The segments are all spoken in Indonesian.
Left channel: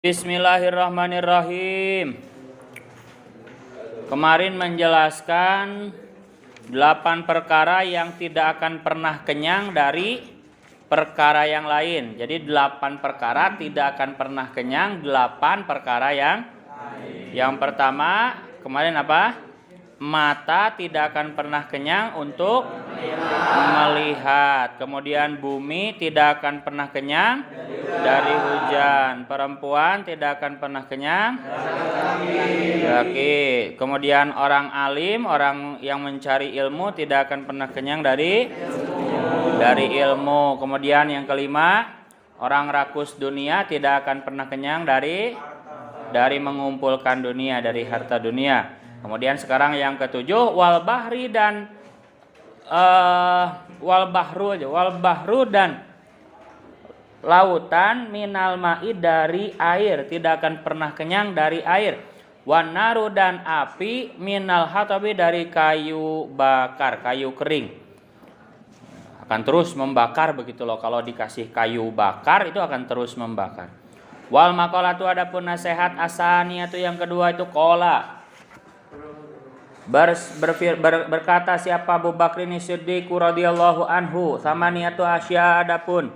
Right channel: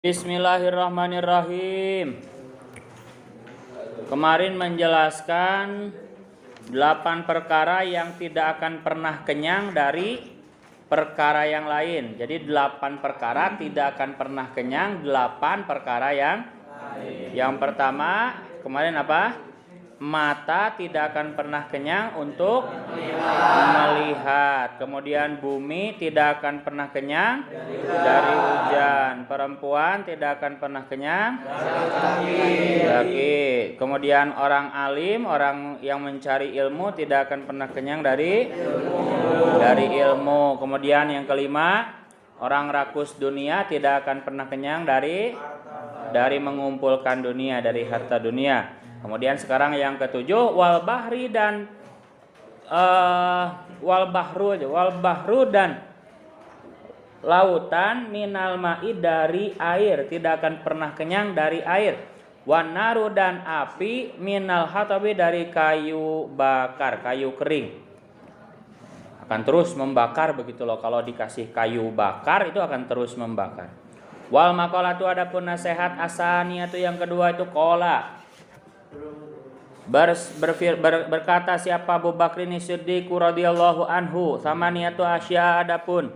Bismillahirrahmanirrahim. Kemarin menjelaskan 8 perkara yang tidak akan pernah kenyang dari perkara yang lain. Jadi 8 perkara tidak akan pernah kenyang, 8 perkara yang pertama kemarin apa? Mata tidak akan pernah kenyang untuk melihat. Kemudian bumi tidak akan pernah kenyang dari hujan. Perempuan tidak akan pernah kenyang laki. Kemudian orang alim, orang yang mencari ilmu tidak akan pernah kenyang dari ilmu. Kemudian yang kelima, orang rakus dunia tidak akan pernah kenyang dari mengumpulkan dunia, dari harta dunia. Kemudian sekarang yang ketujuh, wal bahri dan wal bahru dan lautan minal ma'i dari air, tidak akan pernah kenyang dari air. Wan naru dan api minal hatabi dari kayu bakar, kayu kering. Akan terus membakar begitu loh, kalau dikasih kayu bakar itu akan terus membakar. Wal maqalatu adapun nasihat asaniyatu yang kedua itu qala. Berkata siapa Abu Bakrin Siddiq radhiyallahu anhu, samaniyatu asya adapun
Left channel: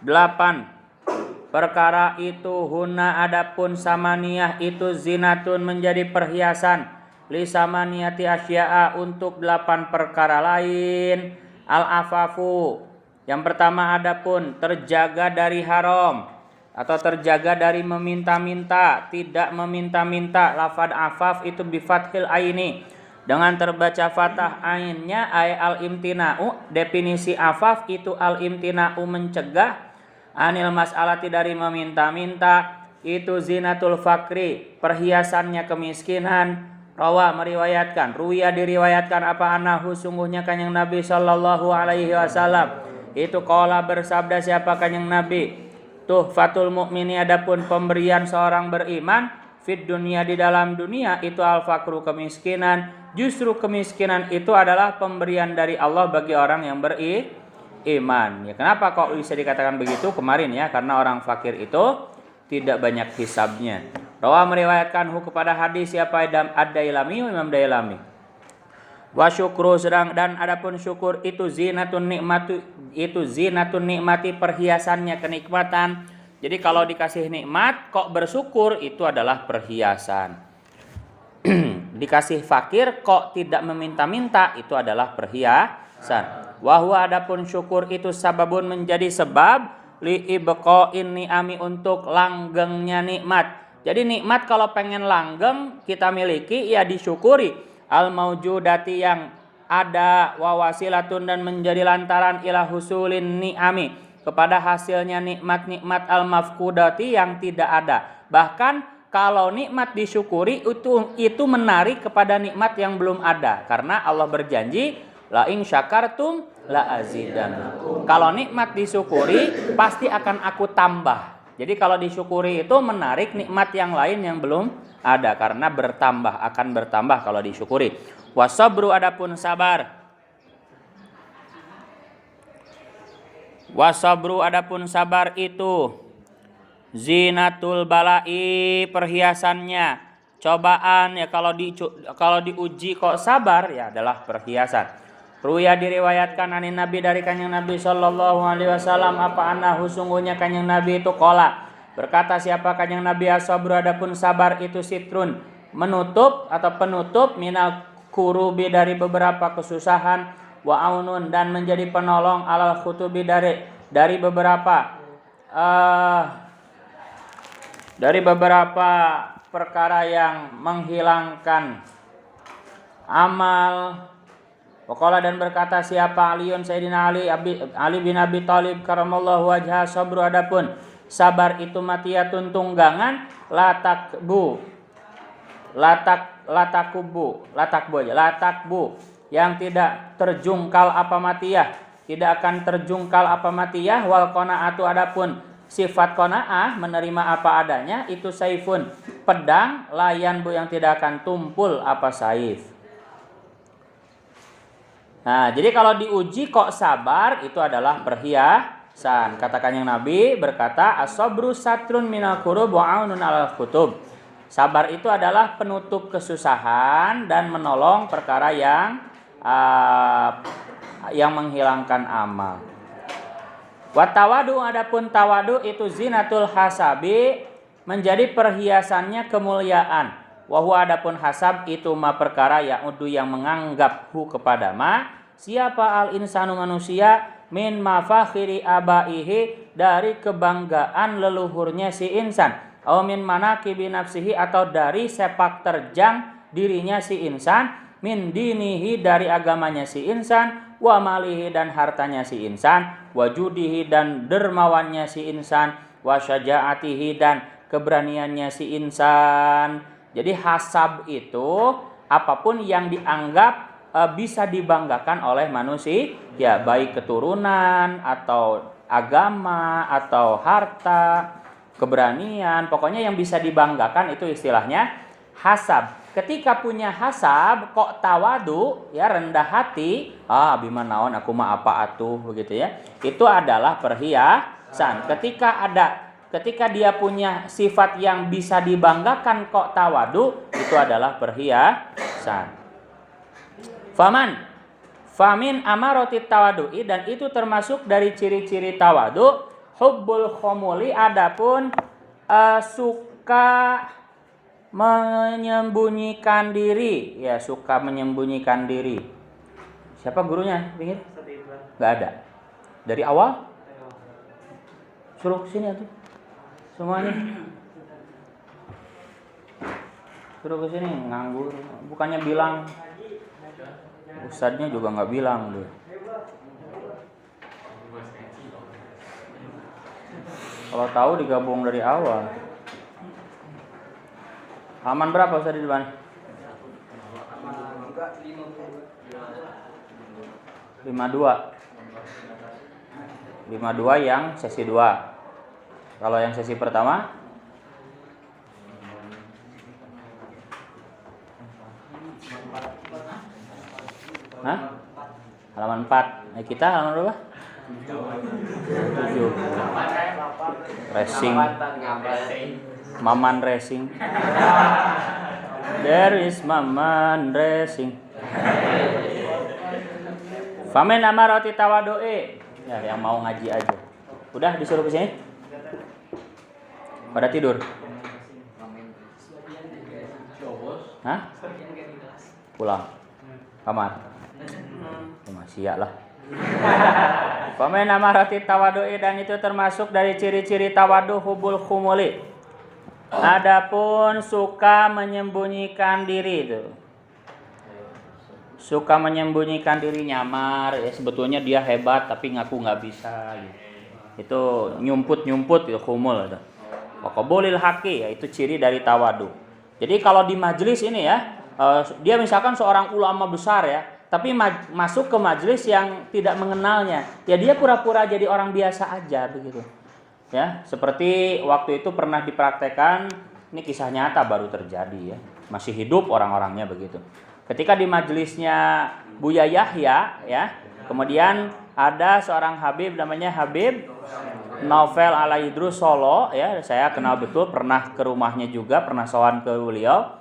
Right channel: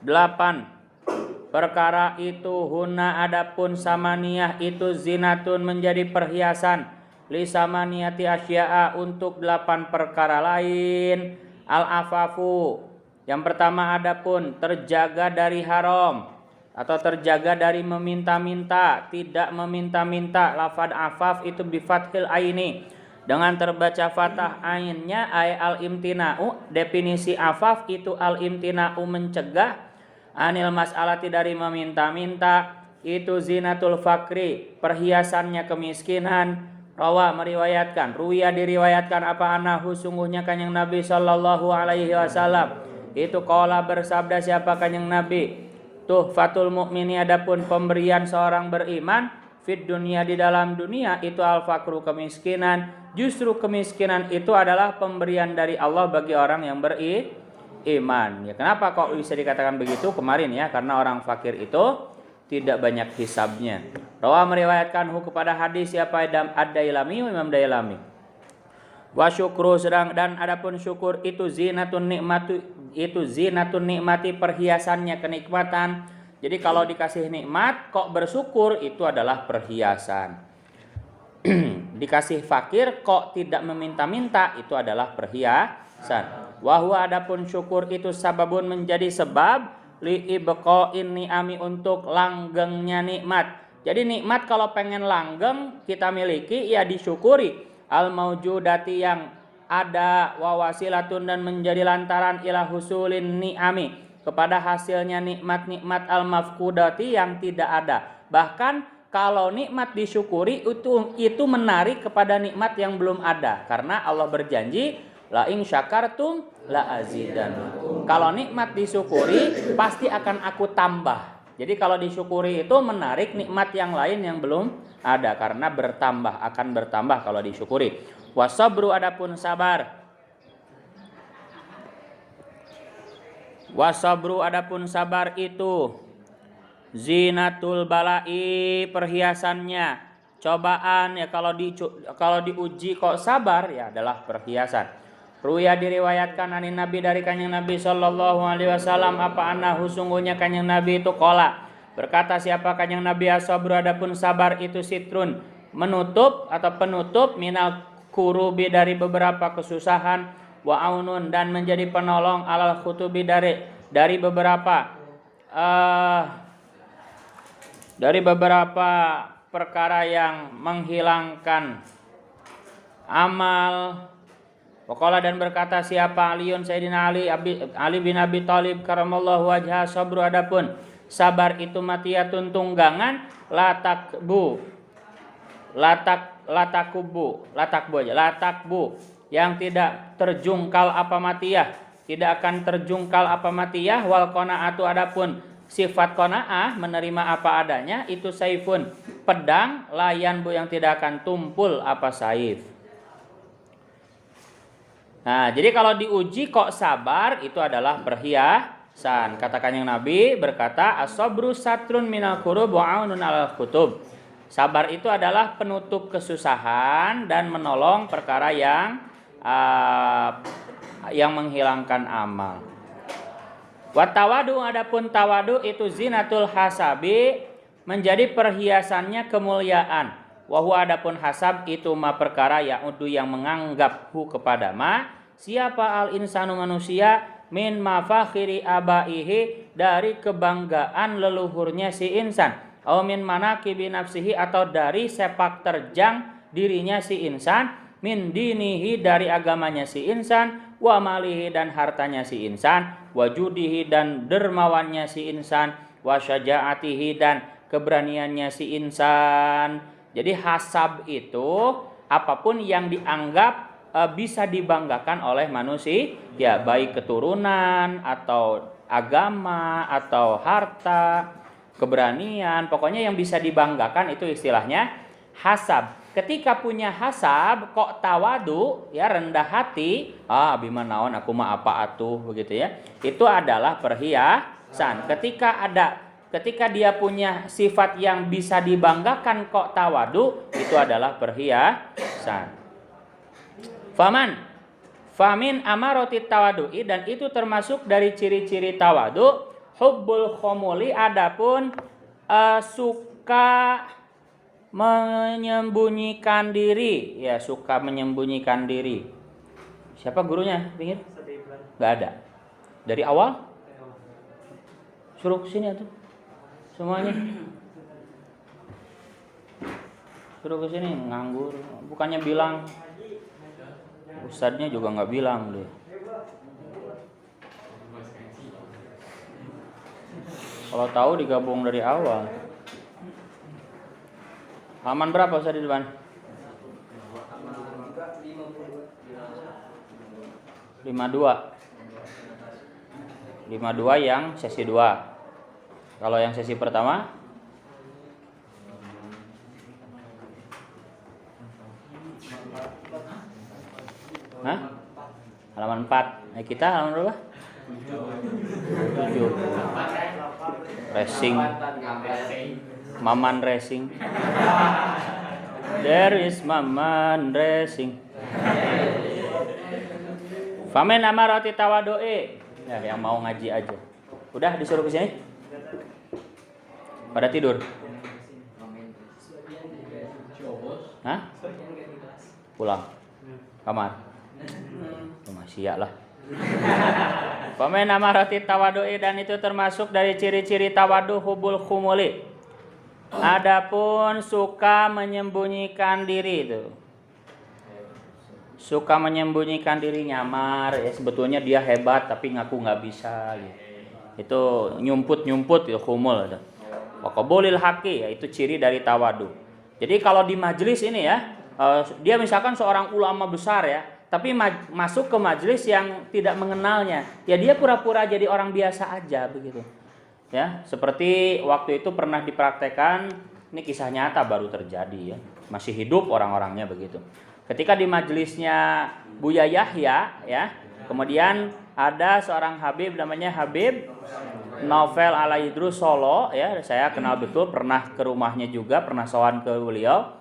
8 perkara itu, huna adapun samaniyah itu zinatun menjadi perhiasan, li samaniyati asya'a untuk 8 perkara lain. Al afafu yang pertama adapun terjaga dari haram atau terjaga dari meminta-minta, tidak meminta-minta. Lafad afaf itu bifathil aini, dengan terbaca fathah ainnya, ay al imtina'u. Definisi afaf itu al imtina'u mencegah, anil mas'alati dari meminta-minta, itu zinatul fakri perhiasannya kemiskinan. Rawa meriwayatkan, ruya diriwayatkan apa anahu sungguhnya kanjeng Nabi sallallahu alaihi wasallam itu qala bersabda siapa kanjeng Nabi, tuhfatul mukmini adapun pemberian seorang beriman, fit dunia di dalam dunia itu al fakru kemiskinan. Justru kemiskinan itu adalah pemberian dari Allah bagi orang yang beriman. Ya, kenapa kok bisa dikatakan begitu kemarin ya? Karena orang fakir itu tidak banyak hisabnya. Rawa meriwayatkanhu kepada hadis siapa ad-Dailami, Imam Dailami. Wa syukru sedang dan adapun syukur itu zinatun nikmati perhiasannya kenikmatan. Jadi kalau dikasih nikmat kok bersyukur itu adalah perhiasan. Dikasih fakir kok tidak meminta-minta itu adalah perhiasan. Wa huwa adapun syukur itu sababun menjadi sebab li ibqa'in ni'ami untuk langgengnya nikmat. Jadi nikmat kalau pengen langgeng kita miliki ya disyukuri. Al maujudati yang ada, wawasilatun dan menjadi lantaran ila husulin ni'ami kepada hasilnya nikmat-nikmat al mafkudati yang tidak ada. Bahkan kalau nikmat disyukuri itu menarik kepada nikmat yang belum ada, karena Allah berjanji la in syakartum la azidannakum. Kalau nikmat disyukuri pasti akan aku tambah. Jadi kalau disyukuri itu menarik nikmat yang lain yang belum ada, karena akan bertambah kalau disyukuri. Wasabru adapun sabar. Wasabru adapun sabar itu zinatul balai perhiasannya cobaan ya. Kalau diuji kok sabar ya adalah perhiasan. Ruya diriwayatkan anin Nabi dari kanjeng Nabi sallallahu alaihi wasallam apa anahu sungguhnya kanjeng Nabi itu qala berkata siapa kanjeng Nabi, as-sabru adapun sabar itu sitrun menutup atau penutup, minal kurubi dari beberapa kesusahan, wa aunun dan menjadi penolong, alal khutubi dari beberapa perkara yang menghilangkan amal. Waqala dan berkata siapa Aliun Sayyidina Ali bin Abi Thalib karamallahu wajhah, sabru adapun sabar itu matiyatun tunggangan, latakbu yang tidak terjungkal apa matiyah, tidak akan terjungkal apa matiyah. Wal qanaatu adapun sifat qanaah menerima apa adanya, itu saifun pedang, layan bu yang tidak akan tumpul apa saif. Nah, jadi kalau diuji kok sabar itu adalah perhiasan. san. Kata Kanjeng Nabi berkata, as-sabru satrun minal kurub wa aunun 'alal kutub. Sabar itu adalah penutup kesusahan dan menolong perkara yang menghilangkan amal. Wa tawadu, adapun tawadu itu zinatul hasabi, menjadi perhiasannya kemuliaan. Wa huwa, adapun hasab itu ma perkara ya'udu yang menganggap hu kepada ma siapa al insanu manusia min mafakhiri abaihi, dari kebanggaan leluhurnya si insan, au min manaqibi nafsihi, atau dari sepak terjang dirinya si insan, min dinihi, dari agamanya si insan, wa malihi, dan hartanya si insan, wa judihi, dan dermawannya si insan, wa syajaatihi, dan keberaniannya si insan. Jadi hasab itu apapun yang dianggap bisa dibanggakan oleh manusia, ya baik keturunan atau agama atau harta, keberanian, pokoknya yang bisa dibanggakan itu istilahnya hasab. Ketika punya hasab kok tawadu, ya rendah hati, abi mah naon aku mah apa atuh, begitu ya. Itu adalah perhiasan. Ketika dia punya sifat yang bisa dibanggakan kok tawadu, itu adalah perhiasan. Famin amaroti tawadu'i, dan itu termasuk dari ciri-ciri tawadu, hubbul khomuli, adapun suka menyembunyikan diri, ya suka menyembunyikan diri. Siapa gurunya? Nggak ada. Dari awal? Suruh kesini atuh. Semuanya. Suruh kesini, nganggur. Bukannya bilang, ustadznya juga nggak bilang deh. Kalau tahu digabung dari awal. Halaman berapa Ustaz di depan? 52 yang sesi 2. Kalau yang sesi pertama? Hah? Halaman 4. Nah, kita halaman berapa? 7. Racing. Maman racing. There is Maman racing. Famen amarati tawadu'i. Ya, yang mau ngaji aja. Udah disuruh ke sini? Pada tidur? Hah? Pulang. Kamar. Masih ya lah. Famen amarati tawadu'i, dan itu termasuk dari ciri-ciri tawadu hubul khumuli. Adapun suka menyembunyikan diri itu. Suka menyembunyikan diri, nyamar ya, sebetulnya dia hebat tapi ngaku nggak bisa gitu. Itu nyumput ya, khumul itu. Wa qabulil haqi, ya itu ciri dari tawadu. Jadi kalau di majelis ini ya, dia misalkan seorang ulama besar ya, tapi masuk ke majelis yang tidak mengenalnya, ya dia pura-pura jadi orang biasa aja begitu. Ya, seperti waktu itu pernah dipraktekkan, ini kisah nyata baru terjadi ya. Masih hidup orang-orangnya begitu. Ketika di majelisnya Buya Yahya ya, kemudian ada seorang Habib namanya Habib Novel Alaidrus Solo ya, saya kenal betul, pernah ke rumahnya juga, pernah sowan ke beliau.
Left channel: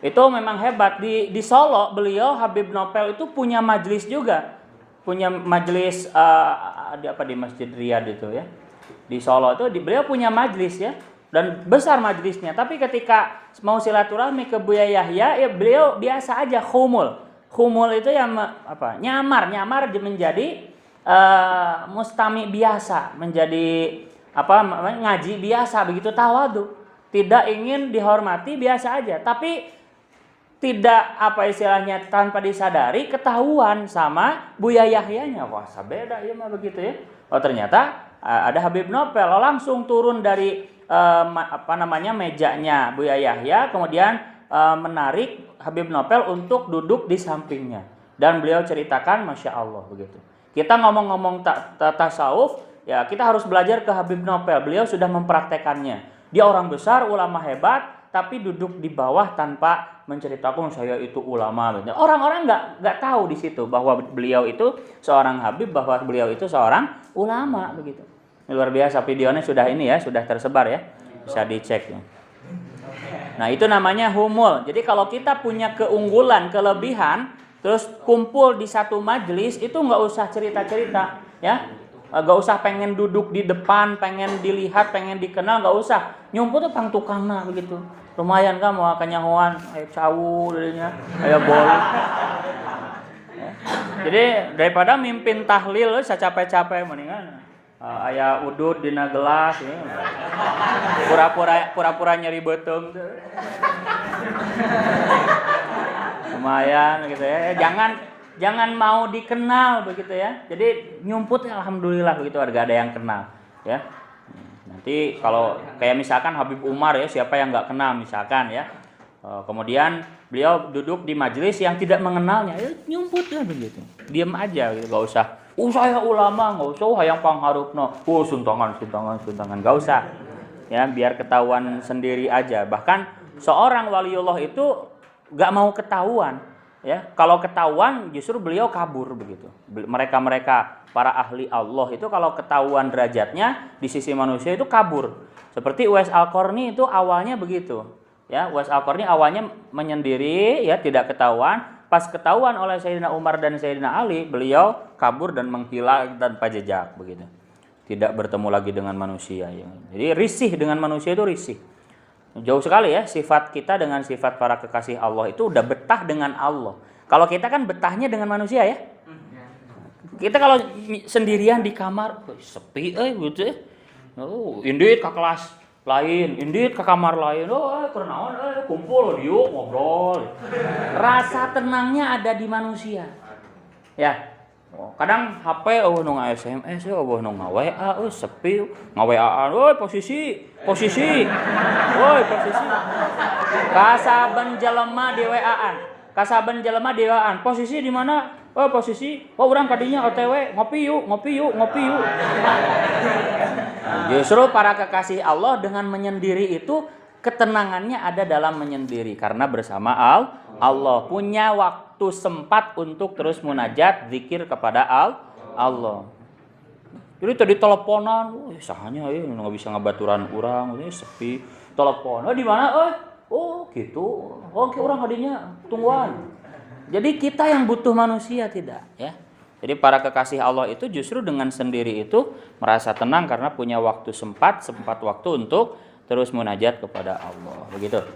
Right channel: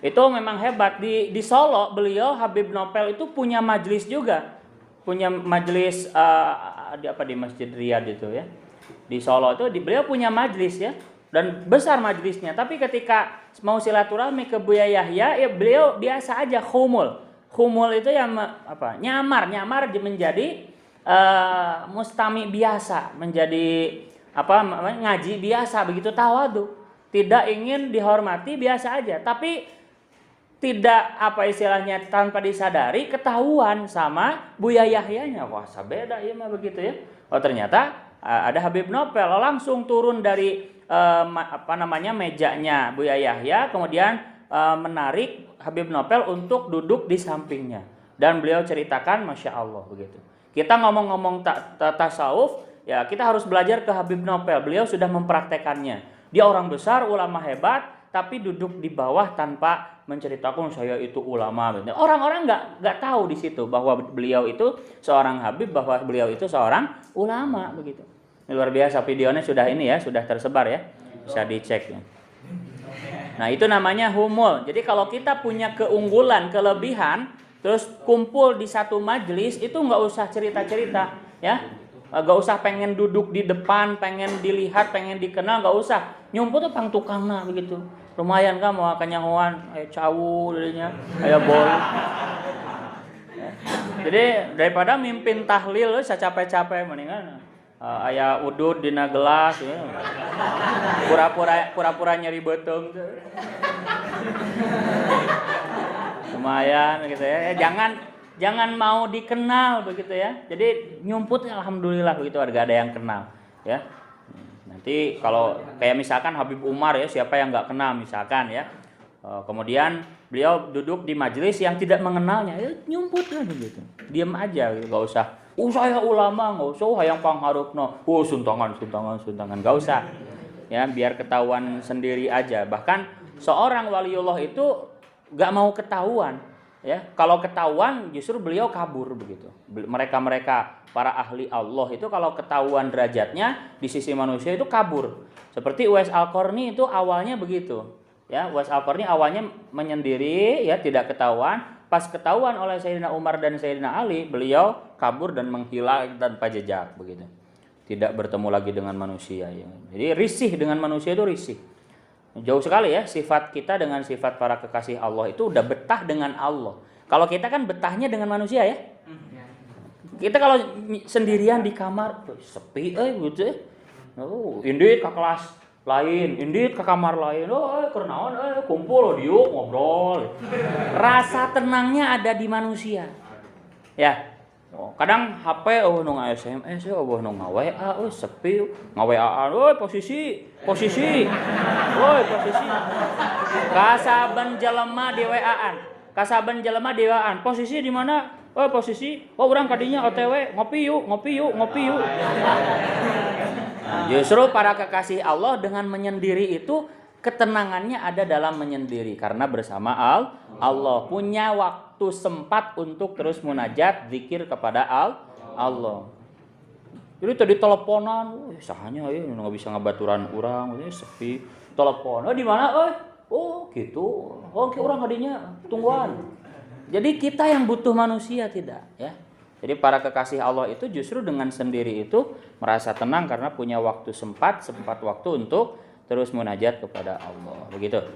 Itu memang hebat di Solo, beliau Habib Novel itu punya majelis juga. Punya majelis di Masjid Riyadh itu ya. Di Solo itu beliau punya majelis ya, dan besar majelisnya. Tapi ketika mau silaturahmi ke Buya Yahya, ya beliau biasa aja khumul. Khumul itu yang nyamar menjadi mustami biasa, menjadi ngaji biasa begitu, tawadu. Tidak ingin dihormati, biasa aja. Tapi tidak istilahnya tanpa disadari ketahuan sama Buya Yahyanya. Wah, beda ya mah begitu ya. Oh, ternyata ada Habib Novel langsung turun dari mejanya Buya Yahya, kemudian menarik Habib Novel untuk duduk di sampingnya, dan beliau ceritakan, masya Allah begitu. Kita ngomong-ngomong tasawuf ya, kita harus belajar ke Habib Novel. Beliau sudah mempraktekannya. Dia orang besar, ulama hebat, tapi duduk di bawah tanpa menceritakan saya itu ulama. Orang-orang nggak tahu di situ bahwa beliau itu seorang habib, bahwa beliau itu seorang ulama begitu. Luar biasa, videonya sudah ini ya, sudah tersebar ya, bisa dicek ya. Nah itu namanya humul. Jadi kalau kita punya keunggulan, kelebihan, terus kumpul di satu majelis, itu nggak usah cerita-cerita ya. Gak usah pengen duduk di depan, pengen dilihat, pengen dikenal, gak usah. Nyumput tuh pang tukang nah begitu. Lumayan kan mau kanyahoan, kayak cawu dirinya, kayak bol. Ya. Jadi daripada mimpin tahlil secapek-capek mendingan aya udud dina gelas ya. Pura-pura nyeri beuteung tuh. Lumayan gitu ya. Jangan mau dikenal begitu ya. Jadi nyumput alhamdulillah begitu ada yang kenal ya. Nanti kalau kayak misalkan Habib Umar ya, siapa yang nggak kenal misalkan ya. Kemudian beliau duduk di majelis yang tidak mengenalnya, nyumput ya begitu. Diam aja gitu, nggak usah. Saya ulama, nggak usah yang pangharupno. Suntangan, nggak usah. Ya biar ketahuan sendiri aja. Bahkan seorang waliullah itu nggak mau ketahuan. Ya, kalau ketahuan justru beliau kabur begitu. Mereka para ahli Allah itu kalau ketahuan derajatnya di sisi manusia itu kabur. Seperti Uwais Al-Qarni itu awalnya begitu. Ya, Uwais Al-Qarni awalnya menyendiri ya, tidak ketahuan. Pas ketahuan oleh Sayyidina Umar dan Sayyidina Ali, beliau kabur dan menghilang tanpa jejak begitu. Tidak bertemu lagi dengan manusia ya. Jadi risih dengan manusia itu risih. Jauh sekali ya sifat kita dengan sifat para kekasih Allah itu udah betah dengan Allah. Kalau kita kan betahnya dengan manusia ya. Kita kalau sendirian di kamar sepi gitu ya. Indit ke kelas lain, indit ke kamar lain. Kenaon kumpul yuk ngobrol. Rasa tenangnya ada di manusia. Ya. Kadang HP nu SMS nu WA sepi ngaweaan posisi posisi kasaben jelema di WA-an posisi di mana posisi urang kadinya OTW ngopi yuk justru para kekasih Allah dengan menyendiri itu ketenangannya ada dalam menyendiri karena bersama Allah punya waktu sempat untuk terus munajat zikir kepada Allah. Jadi tadi teleponan, sahanya nggak bisa ngabaturan orang, sepi. Telepon, di mana? Gitu. Oke orang hadinya tungguan. Jadi kita yang butuh manusia tidak, ya. Jadi para kekasih Allah itu justru dengan sendiri itu merasa tenang karena punya waktu sempat waktu untuk terus munajat kepada Allah. Begitu.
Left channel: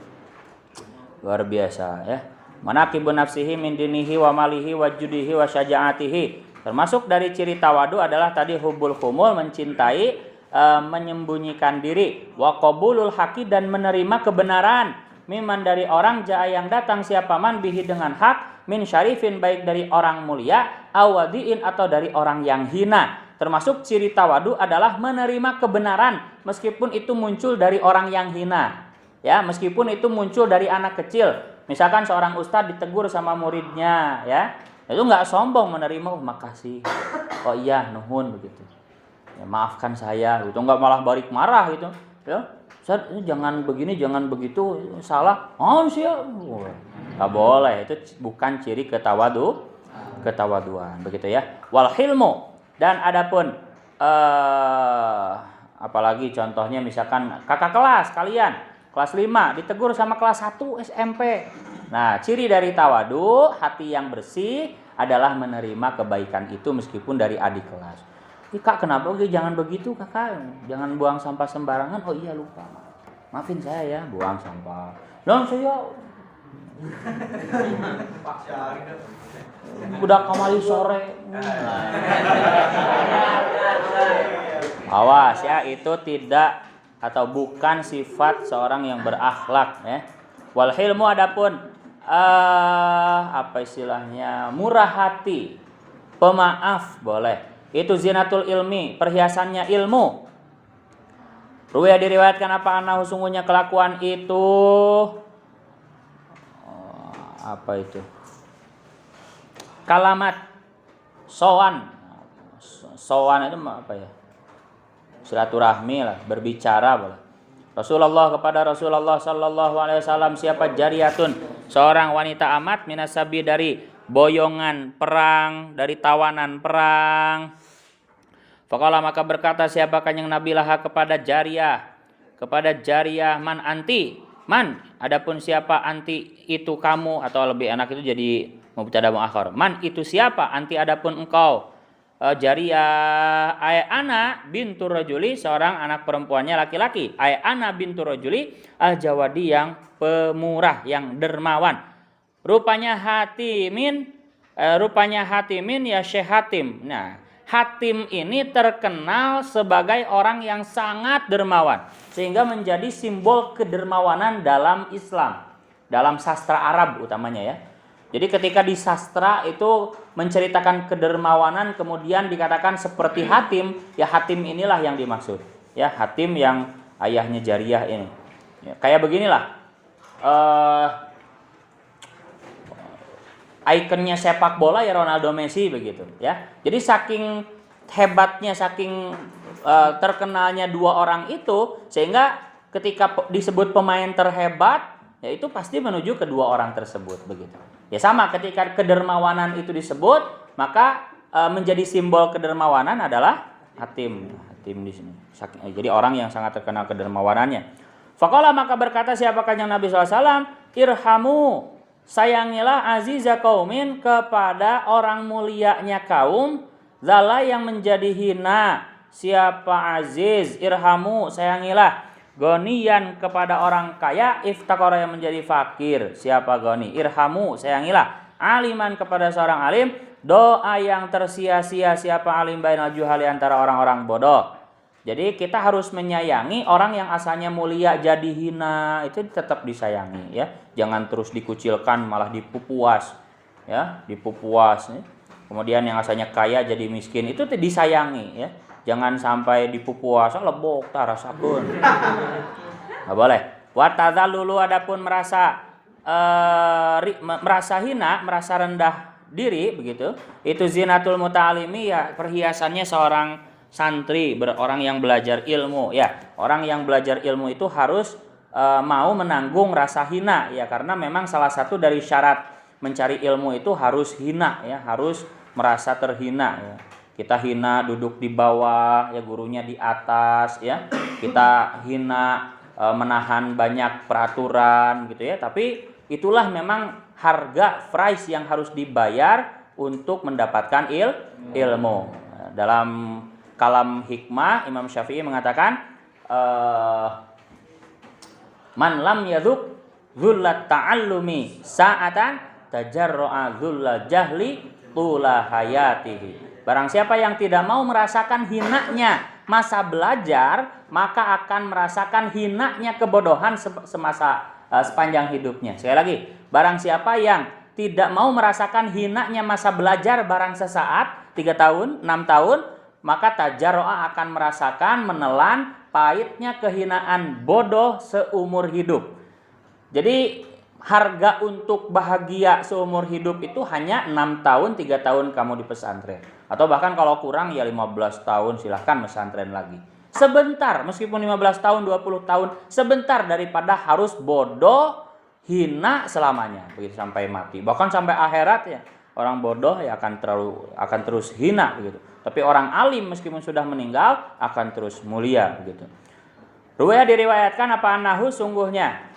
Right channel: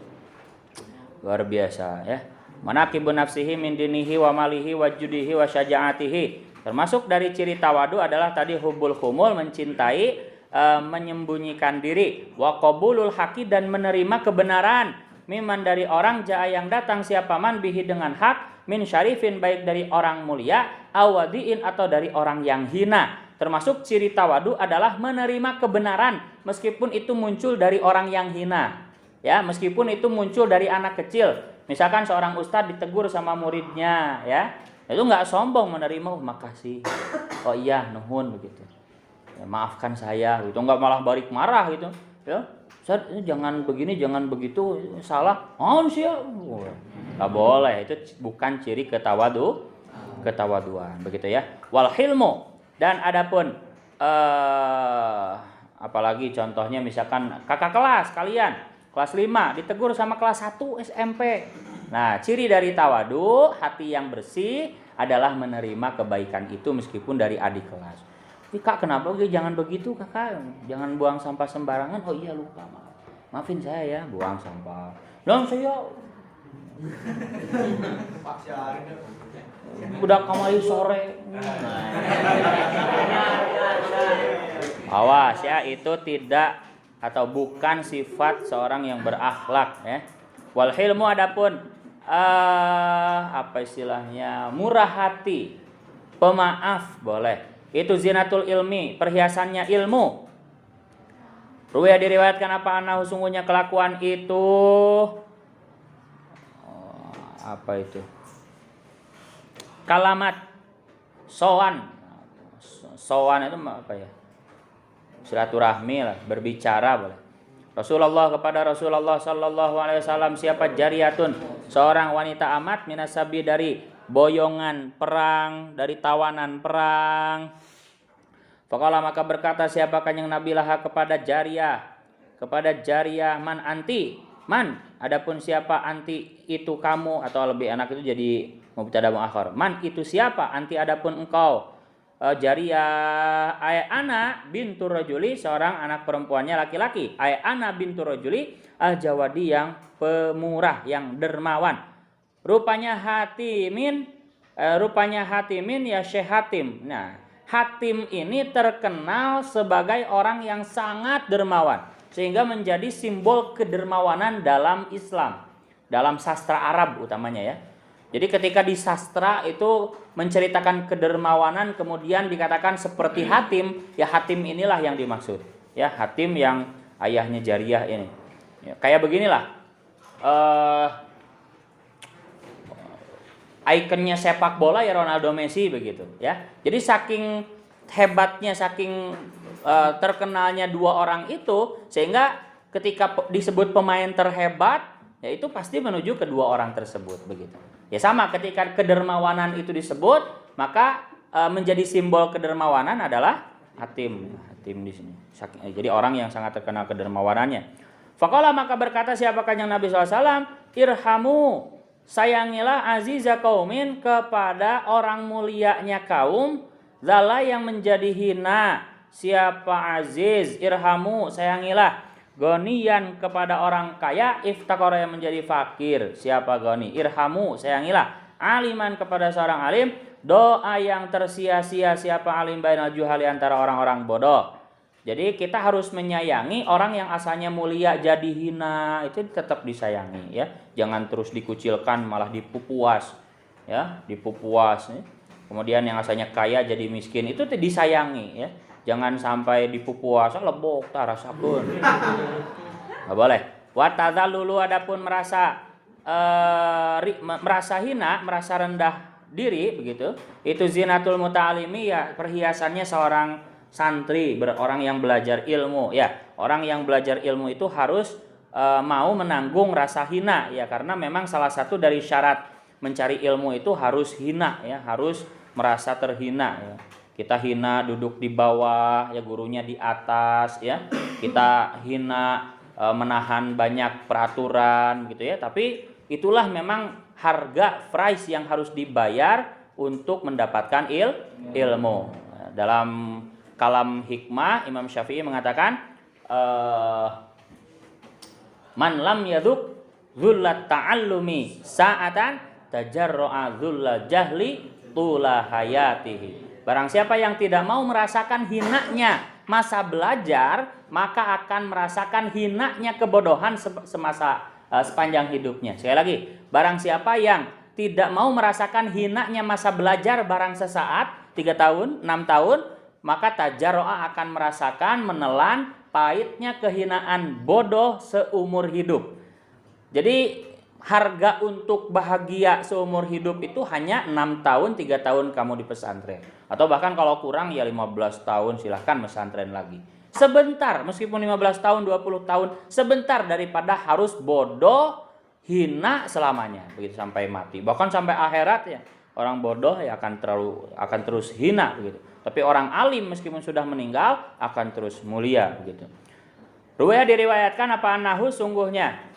Luar biasa ya. Manaqibun nafsihi min dinihi wa malihi wa judihi wa syaja'atihi. Termasuk dari ciri tawadu adalah tadi hubul khumul, mencintai, menyembunyikan diri, wa qabulul haqi dan menerima kebenaran, miman dari orang jaa yang datang siapa man bihi dengan hak, min syarifin baik dari orang mulia, awadiin atau dari orang yang hina. Termasuk ciri tawadu adalah menerima kebenaran meskipun itu muncul dari orang yang hina. Ya, meskipun itu muncul dari anak kecil. Misalkan seorang ustadz ditegur sama muridnya, ya, itu nggak sombong menerima, makasih, oh iya, nuhun begitu, ya, maafkan saya, gitu, nggak malah balik marah gitu, ya, Ustaz, jangan begini, jangan begitu, salah, sih, nggak boleh, itu bukan ciri ketawaduan, begitu ya. Wal hilmu, dan adapun, apalagi contohnya misalkan kakak kelas kalian. Kelas 5 ditegur sama kelas 1 SMP. Nah, ciri dari tawadu, hati yang bersih adalah menerima kebaikan itu meskipun dari adik kelas. Kak, kenapa jangan begitu, Kakak? Jangan buang sampah sembarangan. Oh iya, lupa. Maafin saya ya, buang sampah. Lah saya udah kamari sore. Awas ya, itu tidak atau bukan sifat seorang yang berakhlak ya. Wal hilmu adapun apa istilahnya, murah hati, pemaaf boleh. Itu zinatul ilmi, perhiasannya ilmu. Ruwaya diriwayatkan apa annahu sungguhnya kelakuan itu apa itu? Kalamat sowan. Sowan itu apa ya? Silaturahmi lah, berbicara boleh. Kepada Rasulullah sallallahu alaihi wasallam, siapa jariyatun, seorang wanita amat, minasabi dari boyongan perang, dari tawanan perang. Faqala maka berkata siapa Kanjeng Nabi laha kepada jariyah, man anti, man adapun siapa anti itu kamu, atau lebih enak itu jadi mubtada muakhar, man itu siapa, anti adapun engkau. Jariyah ay ana bintu rajuli, seorang anak perempuannya laki-laki, ay ana bintu rajuli al jawadi, yang pemurah, yang dermawan. Rupanya Hatimin ya Syekh Hatim. Nah, Hatim ini terkenal sebagai orang yang sangat dermawan, sehingga menjadi simbol kedermawanan dalam Islam, dalam sastra Arab utamanya ya. Jadi ketika di sastra itu menceritakan kedermawanan, kemudian dikatakan seperti Hatim, ya Hatim inilah yang dimaksud. Ya, Hatim yang ayahnya Jariyah ini. Ya, kayak beginilah. Ikonnya sepak bola ya Ronaldo, Messi begitu ya. Jadi saking hebatnya, saking terkenalnya dua orang itu, sehingga ketika disebut pemain terhebat, ya itu pasti menuju kedua orang tersebut begitu. Ya sama, ketika kedermawanan itu disebut, maka menjadi simbol kedermawanan adalah Hatim di sini. Jadi orang yang sangat terkenal kedermawanannya. Faqala maka berkata siapa Kanjeng Nabi SAW, irhamu, sayangilah aziza kaumin, kepada orang mulianya kaum, zala yang menjadi hina, siapa aziz, irhamu, sayangilah, goniyan kepada orang kaya, iftakara yang menjadi fakir, siapa goni, irhamu, sayangilah, aliman kepada seorang alim, doa yang tersia-sia, siapa alim bainal juhali, antara orang-orang bodoh. Jadi kita harus menyayangi orang yang asalnya mulia jadi hina, itu tetap disayangi ya. Jangan terus dikucilkan, malah dipupuas ya, dipupuas ya. Kemudian yang asalnya kaya jadi miskin, itu disayangi ya. Jangan sampai dipupuas, lebok ta rasakeun. Enggak boleh. Wa tadzallulu, adapun merasa hina, merasa rendah diri begitu. Itu zinatul muta'alimi, ya perhiasannya seorang santri, orang yang belajar ilmu ya. Orang yang belajar ilmu itu harus mau menanggung rasa hina ya, karena memang salah satu dari syarat mencari ilmu itu harus hina ya, harus merasa terhina ya. Kita hina duduk di bawah ya, gurunya di atas ya. Kita hina menahan banyak peraturan gitu ya, tapi itulah memang harga price yang harus dibayar untuk mendapatkan ilmu. Dalam kalam hikmah Imam Syafi'i mengatakan man lam yaduk dzullat ta'allumi sa'atan tajarra'a dzullal jahli tula hayatihi. Barang siapa yang tidak mau merasakan hinanya masa belajar, maka akan merasakan hinanya kebodohan semasa sepanjang hidupnya. Sekali lagi, barang siapa yang tidak mau merasakan hinanya masa belajar barang sesaat 3 tahun, 6 tahun, maka tajarro'a akan merasakan, menelan pahitnya kehinaan bodoh seumur hidup. Jadi harga untuk bahagia seumur hidup itu hanya 6 tahun, 3 tahun kamu di pesantren. Atau bahkan kalau kurang ya 15 tahun silahkan pesantren lagi. Sebentar, meskipun 15 tahun, 20 tahun, sebentar daripada harus bodoh, hina selamanya, begitu sampai mati. Bahkan sampai akhirat ya, orang bodoh ya akan terus hina begitu. Tapi orang alim meskipun sudah meninggal akan terus mulia begitu. Ruwaya diriwayatkan apa anahu, sungguhnya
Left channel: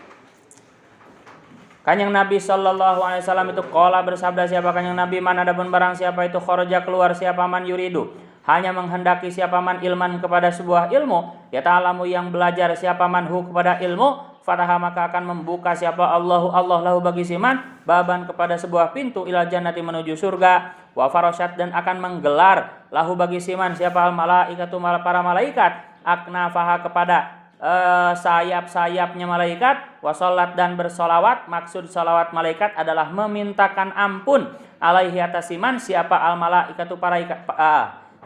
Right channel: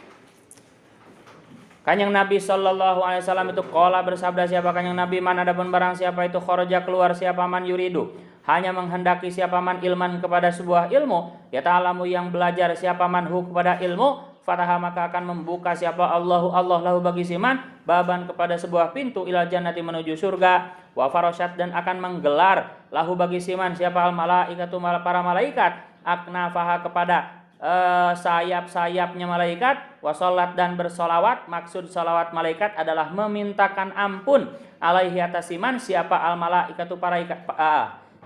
Kanjeng Nabi sallallahu alaihi wasallam itu qala, bersabda siapa Kanjeng Nabi, man adapun barang siapa itu kharaja keluar, siapa man yuridu, hanya menghendaki siapa man ilman kepada sebuah ilmu, ya ta'alamu yang belajar siapa man hu kepada ilmu, fataha maka akan membuka siapa Allah lahu bagi siman, baban kepada sebuah pintu, ilal jannati menuju surga, wa farasyat dan akan menggelar lahu bagi siman siapa al malaikatu para malaikat, aknafaha kepada sayap-sayapnya malaikat, wasolat dan bersolawat. Maksud solawat malaikat adalah memintakan ampun alaihi atas iman siapa al malaikatu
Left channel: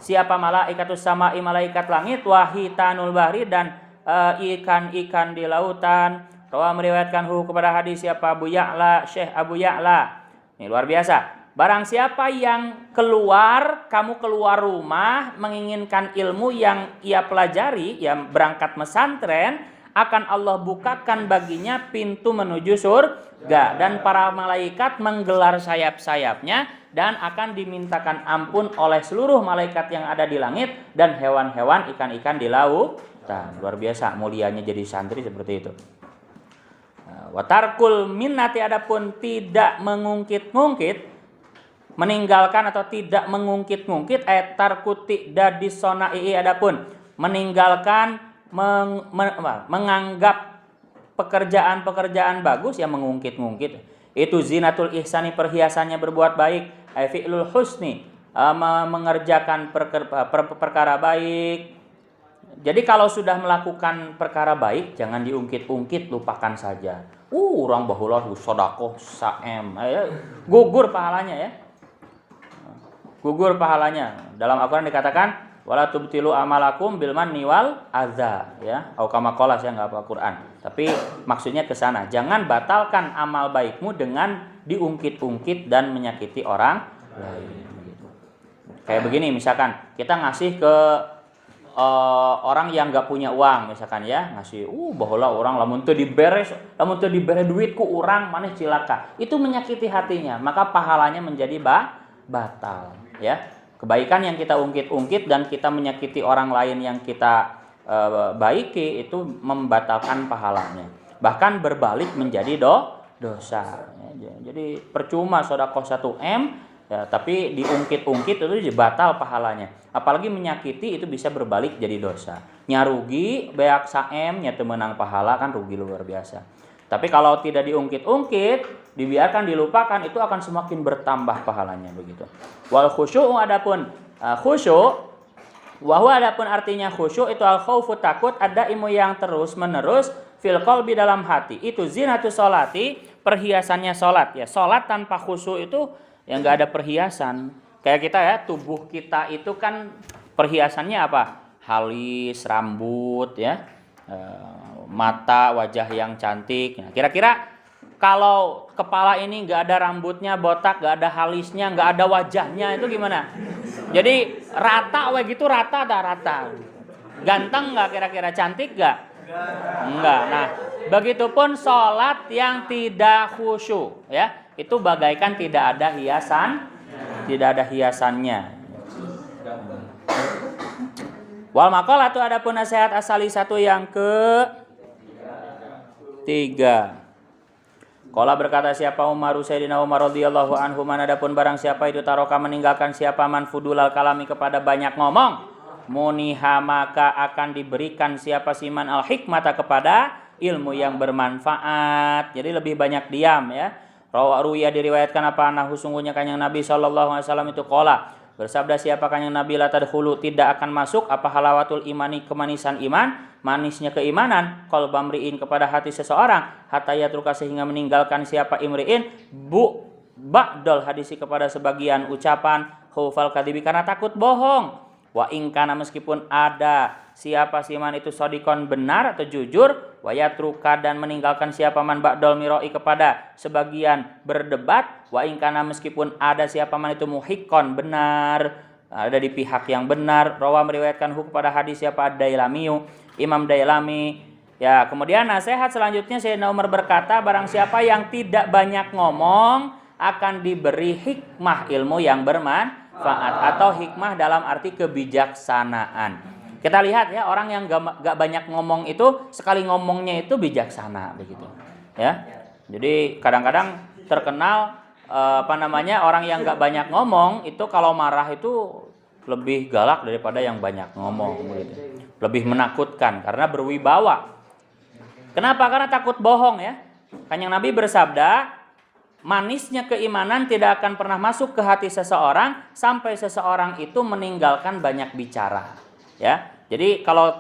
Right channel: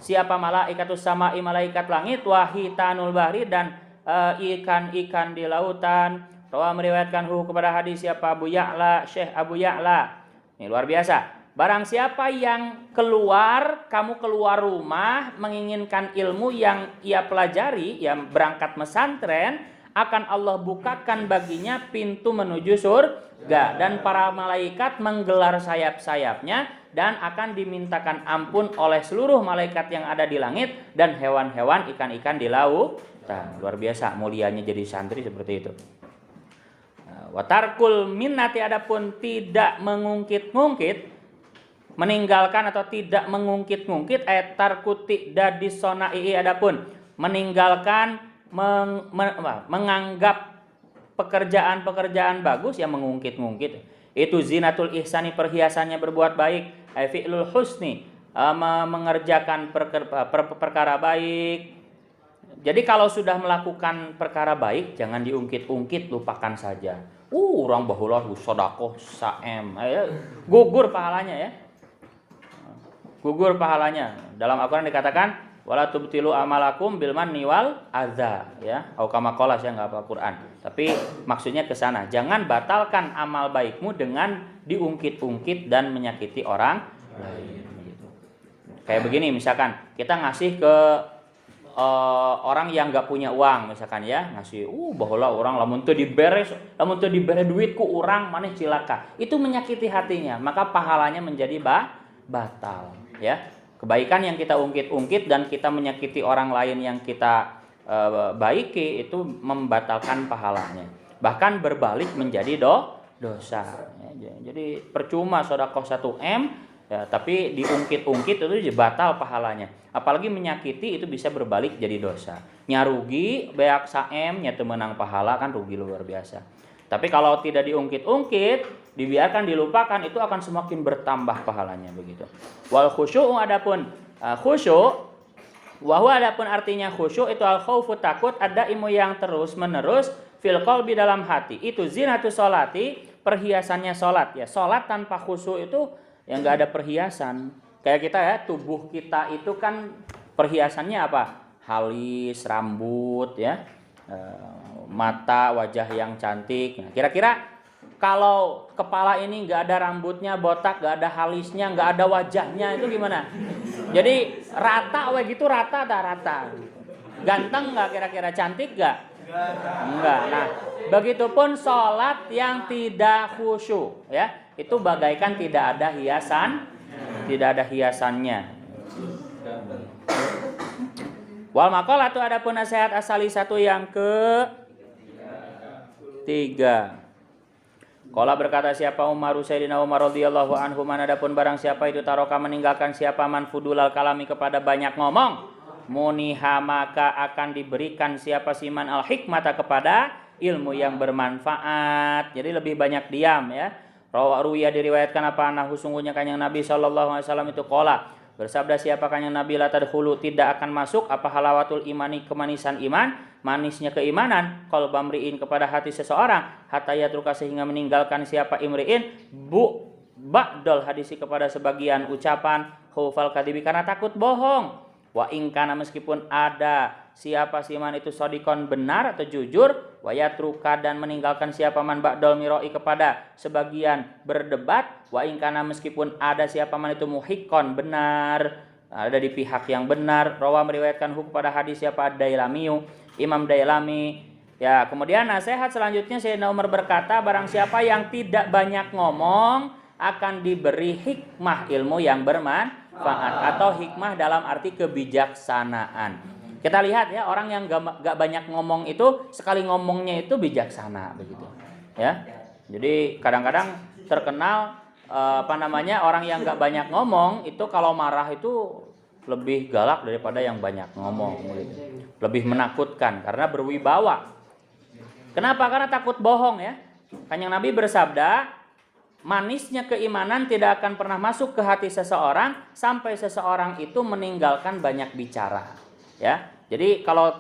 siapa malaikatu samai malaikat langit, wahitanul bahri dan ikan-ikan di lautan. Rawa meriwayatkan kepada hadis siapa Abu Ya'la, Syekh Abu Ya'la. Ini luar biasa. Barang siapa yang kamu keluar rumah menginginkan ilmu yang ia pelajari, yang berangkat pesantren, akan Allah bukakan baginya pintu menuju surga, dan para malaikat menggelar sayap-sayapnya dan akan dimintakan ampun oleh seluruh malaikat yang ada di langit dan hewan-hewan, ikan-ikan di lautan. Luar biasa mulianya jadi santri seperti itu. Watarkul minnati, adapun tidak mengungkit-ungkit, meninggalkan atau tidak mengungkit-ungkit, tarkuti dadis sonai, adapun meninggalkan menganggap pekerjaan-pekerjaan bagus yang mengungkit-ungkit, itu zinatul ihsani, perhiasannya berbuat baik, fi'lul husni, mengerjakan perkara baik. Jadi kalau sudah melakukan perkara baik jangan diungkit-ungkit, lupakan saja. Orang bahulah sedekah saem, gugur pahalanya ya. Gugur pahalanya. Dalam Al-Qur'an dikatakan wala tubtilu amalakum bil manni wal adza, ya. Atau kama qala, saya enggak hafal Quran. Tapi maksudnya ke sana. Jangan batalkan amal baikmu dengan diungkit-ungkit dan menyakiti orang lain gitu. Kayak begini misalkan, kita ngasih ke orang yang nggak punya uang misalkan ya, ngasih baheula orang lamun teu dibere duit ku urang maneh cilaka, itu menyakiti hatinya, maka pahalanya menjadi batal ya. Kebaikan yang kita ungkit-ungkit dan kita menyakiti orang lain yang kita baiki itu membatalkan pahalanya, bahkan berbalik menjadi dosa ya. Jadi percuma sedekah 1M ya, tapi diungkit-ungkit itu batal pahalanya. Apalagi menyakiti itu bisa berbalik jadi dosa. Nyarugi beak saem nya teu meunang pahala, kan rugi luar biasa. Tapi kalau tidak diungkit-ungkit, dibiarkan dilupakan, itu akan semakin bertambah pahalanya begitu. Wal khusyuk, adapun khusyuk, wahwa adapun artinya khusyuk itu al khaufu, takut, ada ilmu yang terus-menerus fil qalbi, dalam hati. Itu zinatus sholati, perhiasannya salat ya. Salat tanpa khusyuk itu yang nggak ada perhiasan. Kayak kita ya, tubuh kita itu kan perhiasannya apa? Halis, rambut ya, mata, wajah yang cantik. Nah, kira-kira kalau kepala ini nggak ada rambutnya, botak, nggak ada halisnya, nggak ada wajahnya, itu gimana? Jadi rata, gitu rata, ganteng nggak kira-kira, cantik nggak? Enggak. Nah, begitupun sholat yang tidak khusyuk ya, itu bagaikan tidak ada hiasannya. Wal maqal, atau adapun nasihat asali satu yang ketiga. Qala, berkata siapa Umar, Sayyidina Umar radhiyallahu anhu, man, adapun barang siapa itu taroka, meninggalkan siapa man fudulal kalami, kepada banyak ngomong, muniha, maka akan diberikan siapa siman al hikmata, kepada ilmu yang bermanfaat. Jadi lebih banyak diam ya. Ruya, diriwayatkan apa, anahu, sungguhnya kanjeng Nabi sallallahu alaihi wasallam itu qala, bersabda siapa kanjeng Nabi, la tadkhulu, tidak akan masuk apa, halawatul imani, kemanisan iman, manisnya keimanan, qalba mri'in, kepada hati seseorang, hatta yatruka, sehingga meninggalkan siapa imri'in ba'dal hadisi, kepada sebagian ucapan, khaufal kadibi, karena takut bohong. Wa ingkana, meskipun ada siapa siman itu sodikon, benar atau jujur, wa yatruka, dan meninggalkan siapa man ba'dal miroi, kepada sebagian berdebat, wa ingkana, meskipun ada siapa man itu muhikon, benar, ada di pihak yang benar. Rawa, meriwayatkan kepada hadis siapa Dailamiyu, Imam Dailami ya. Kemudian nasihat selanjutnya, Sayyidina Umar berkata, barang siapa yang tidak banyak ngomong akan diberi hikmah, ilmu yang bermanfaat, atau hikmah dalam arti kebijaksanaan. Kita lihat ya, orang yang gak banyak ngomong itu, sekali ngomongnya itu bijaksana begitu ya. Jadi kadang-kadang terkenal orang yang gak banyak ngomong itu kalau marah itu lebih galak daripada yang banyak ngomong begitu. Lebih menakutkan karena berwibawa. Kenapa? Karena takut bohong ya. Kanjeng Nabi bersabda, manisnya keimanan tidak akan pernah masuk ke hati seseorang sampai seseorang itu meninggalkan banyak bicara ya. Jadi kalau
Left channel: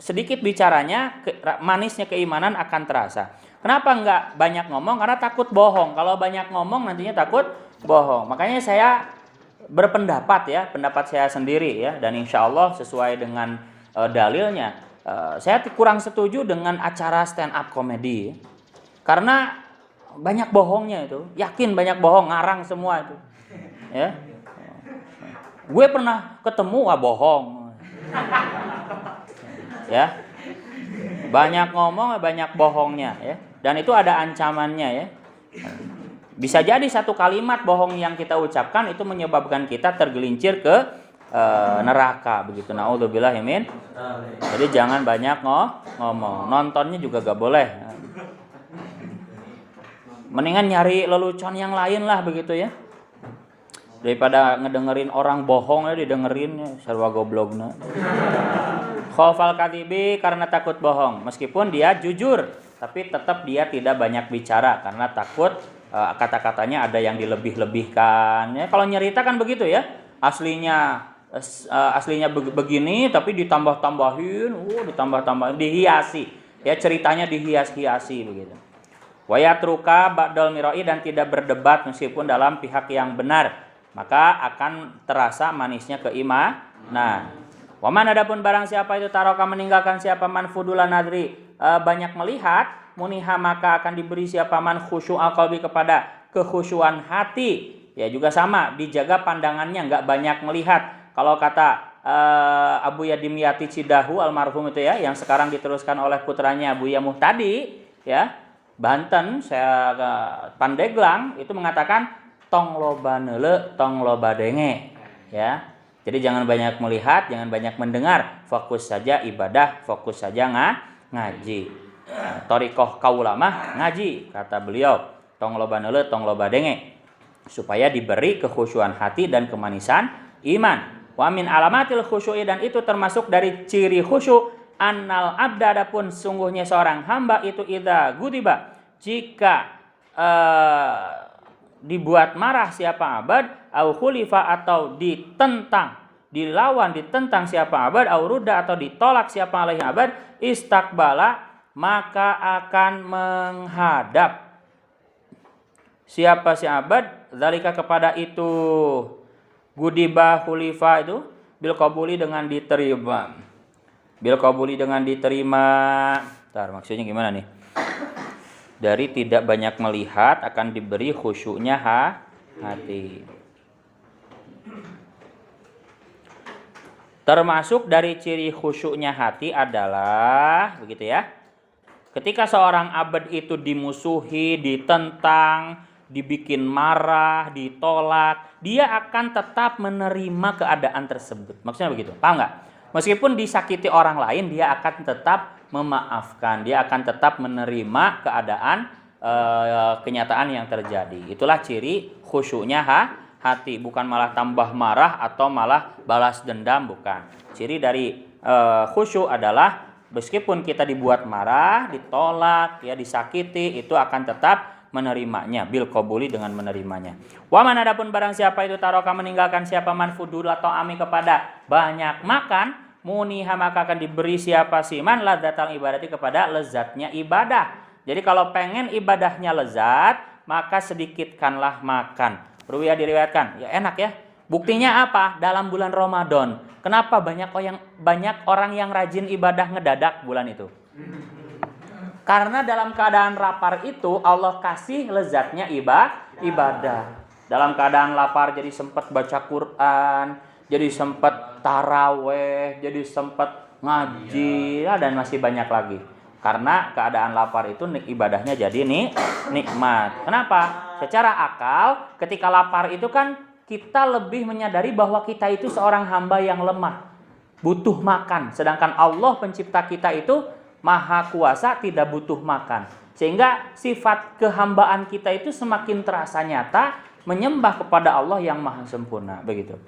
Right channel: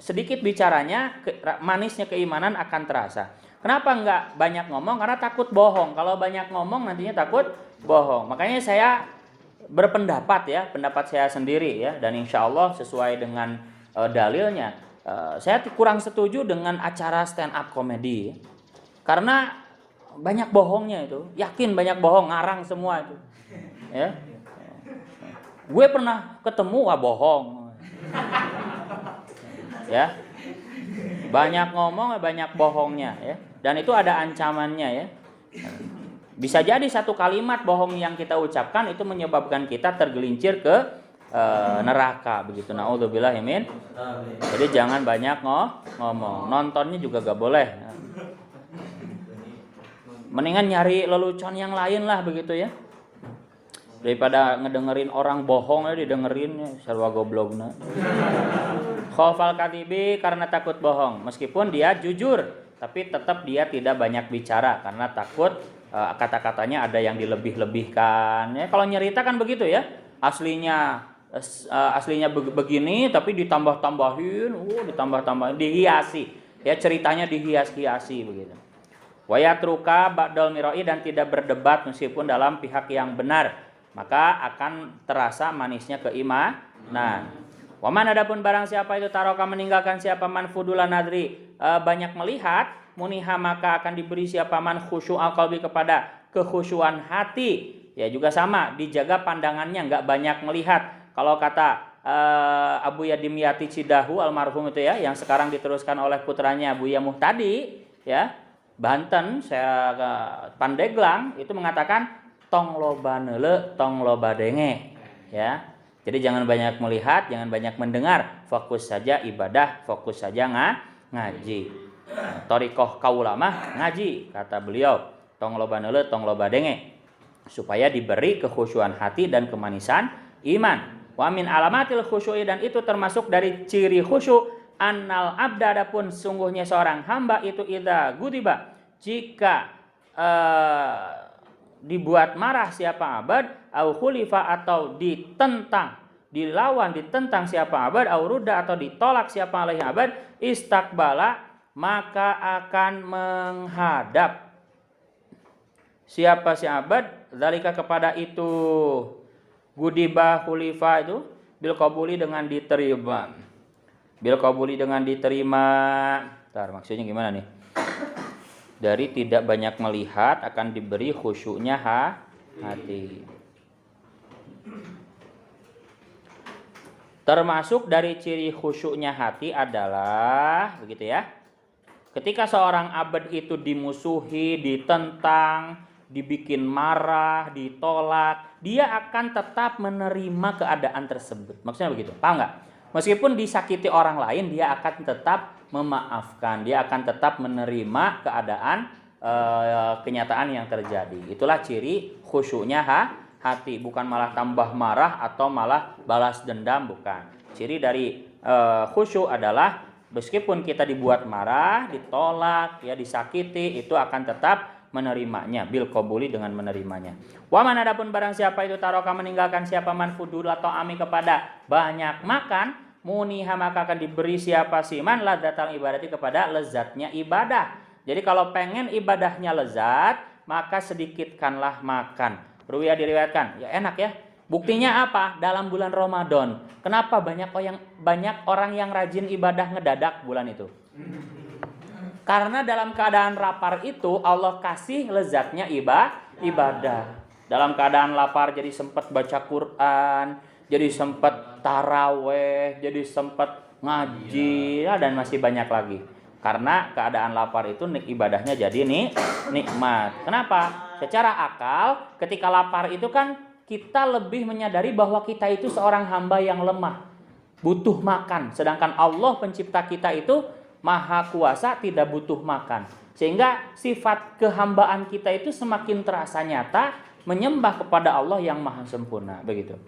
sedikit bicaranya, manisnya keimanan akan terasa. Kenapa enggak banyak ngomong? Karena takut bohong. Kalau banyak ngomong nantinya takut bohong. Makanya saya berpendapat ya, pendapat saya sendiri ya, dan insya Allah sesuai dengan dalilnya. Saya kurang setuju dengan acara stand up comedy karena banyak bohongnya itu. Yakin banyak bohong, ngarang semua itu ya. Gue pernah ketemu bohong ya. Banyak ngomong, banyak bohongnya ya. Dan itu ada ancamannya ya. Bisa jadi satu kalimat bohong yang kita ucapkan itu menyebabkan kita tergelincir ke neraka begitu. Naudzubillah min. Jadi jangan banyak ngomong. Nontonnya juga gak boleh. Mendingan nyari lelucon yang lain lah begitu ya. Daripada ngedengerin orang bohong ya didengerin sarwa goblogna. Khaufal kadibi karena takut bohong. Meskipun dia jujur, tapi tetap dia tidak banyak bicara karena takut kata-katanya ada yang dilebih-lebihkan. Ya, kalau nyerita kan begitu ya. Aslinya begini tapi ditambah-tambahin, ditambah-tambahin, dihiasi. Ya ceritanya dihias-hiasi begitu. Wayatruka ba'dal mirai dan tidak berdebat meskipun dalam pihak yang benar. Maka akan terasa manisnya keimanan. Waman adapun barang siapa itu taroka meninggalkan siapa man fudulan nadri banyak melihat muniha maka akan diberi siapa man khusyu'al qalbi kepada kekhusyuan hati. Ya juga sama dijaga pandangannya enggak banyak melihat. Kalau kata Abu Yadimyati Cidahu almarhum itu ya yang sekarang diteruskan oleh putranya Abu Yamuh tadi ya Banten saya Pandeglang itu mengatakan tong loba neule tong loba denge ya. Jadi jangan banyak melihat, jangan banyak mendengar, fokus saja ibadah, fokus saja ngaji. Thariqah kaula mah ngaji kata beliau. Tong loba neule tong loba denge supaya diberi kekhusyuan hati dan kemanisan iman. Wa min alamatil khusyu'i dan itu termasuk dari ciri khusyuk annal abda adapun sungguhnya seorang hamba itu idza gudiba jika dibuat marah siapa abad au khulifa atau ditentang dilawan ditentang siapa abad au rudda atau ditolak siapa alaihi abad istakbala maka akan menghadap siapa si abad zalika kepada itu gudiba khulifa itu bil qabuli dengan diterima Bentar, maksudnya gimana nih? Dari tidak banyak melihat akan diberi khusyuknya hati. Termasuk dari ciri khusyuknya hati adalah begitu ya. Ketika seorang abad itu dimusuhi, ditentang, dibikin marah, ditolak, dia akan tetap menerima keadaan tersebut. Maksudnya begitu, paham nggak? Meskipun disakiti orang lain, dia akan tetap memaafkan, dia akan tetap menerima keadaan kenyataan yang terjadi. Itulah ciri khusyuknya hati, bukan malah tambah marah atau malah balas dendam, bukan. Ciri dari khusyuk adalah meskipun kita dibuat marah, ditolak, ya disakiti, itu akan tetap menerimanya bil qabuli dengan menerimanya. Wa man adapun barang siapa itu taroka meninggalkan siapa man fudul atau ami kepada banyak makan muniha maka akan diberi siapa siman ladzatal ibadati kepada lezatnya ibadah. Jadi kalau pengen ibadahnya lezat maka sedikitkanlah makan. Ruwiyah diriwayatkan, ya enak ya. Buktinya apa? Dalam bulan Ramadan. Kenapa banyak orang yang rajin ibadah ngedadak bulan itu? Karena dalam keadaan lapar itu Allah kasih lezatnya ibadah. Dalam keadaan lapar jadi sempat baca Quran, jadi sempat taraweh, jadi sempat ngaji, ya, dan masih banyak lagi. Karena keadaan lapar itu ibadahnya jadi nikmat. Kenapa? Secara akal ketika lapar itu kan kita lebih menyadari bahwa kita itu seorang hamba yang lemah, butuh makan. Sedangkan Allah pencipta kita itu Maha kuasa, tidak butuh makan. Sehingga sifat kehambaan kita itu semakin terasa nyata menyembah kepada Allah yang maha sempurna. Begitu.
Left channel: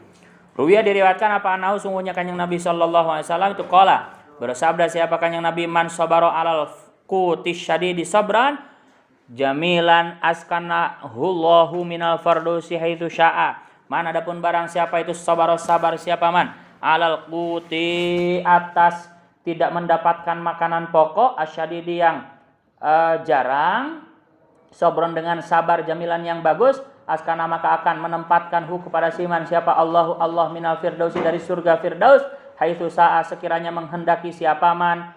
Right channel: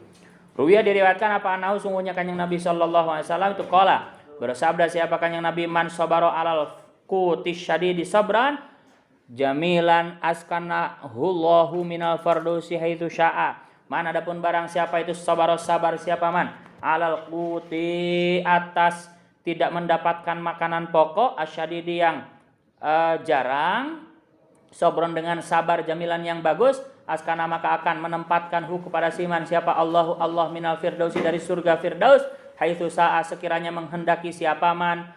Ruwiyah diriwayatkan apa anahu sungguhnya kanjeng Nabi sallallahu alaihi wasallam itu qala bersabda siapa kanjeng Nabi man sabara alal qutis syadidi sabran jamilan askanahullahu minal fardusi haitsu syaa. Man adapun barang siapa itu sabar siapa man alal quti atas tidak mendapatkan makanan pokok asyadidi yang jarang sobron dengan sabar jamilan yang bagus askana maka akan menempatkan kepada siman siapa Allah minal firdausi dari surga firdaus haitsu saa sekiranya menghendaki siapa man.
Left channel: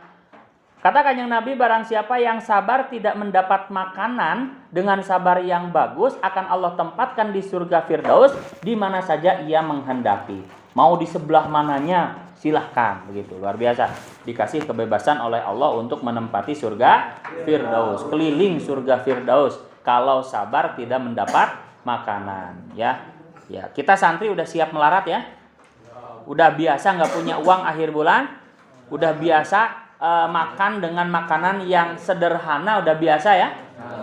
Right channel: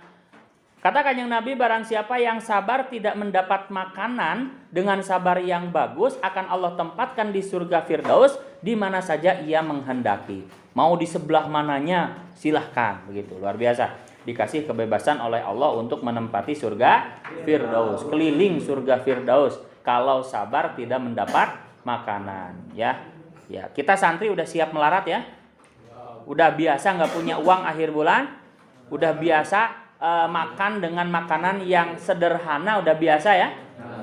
Kata kanjeng Nabi barang siapa yang sabar tidak mendapat makanan dengan sabar yang bagus akan Allah tempatkan di surga firdaus di mana saja ia menghendaki. Mau di sebelah mananya silahkan begitu. Luar biasa. Dikasih kebebasan oleh Allah untuk menempati surga Firdaus, keliling surga Firdaus kalau sabar tidak mendapat makanan, ya. Ya, kita santri udah siap melarat ya. Udah biasa nggak punya uang akhir bulan, udah biasa makan dengan makanan yang sederhana, udah biasa ya.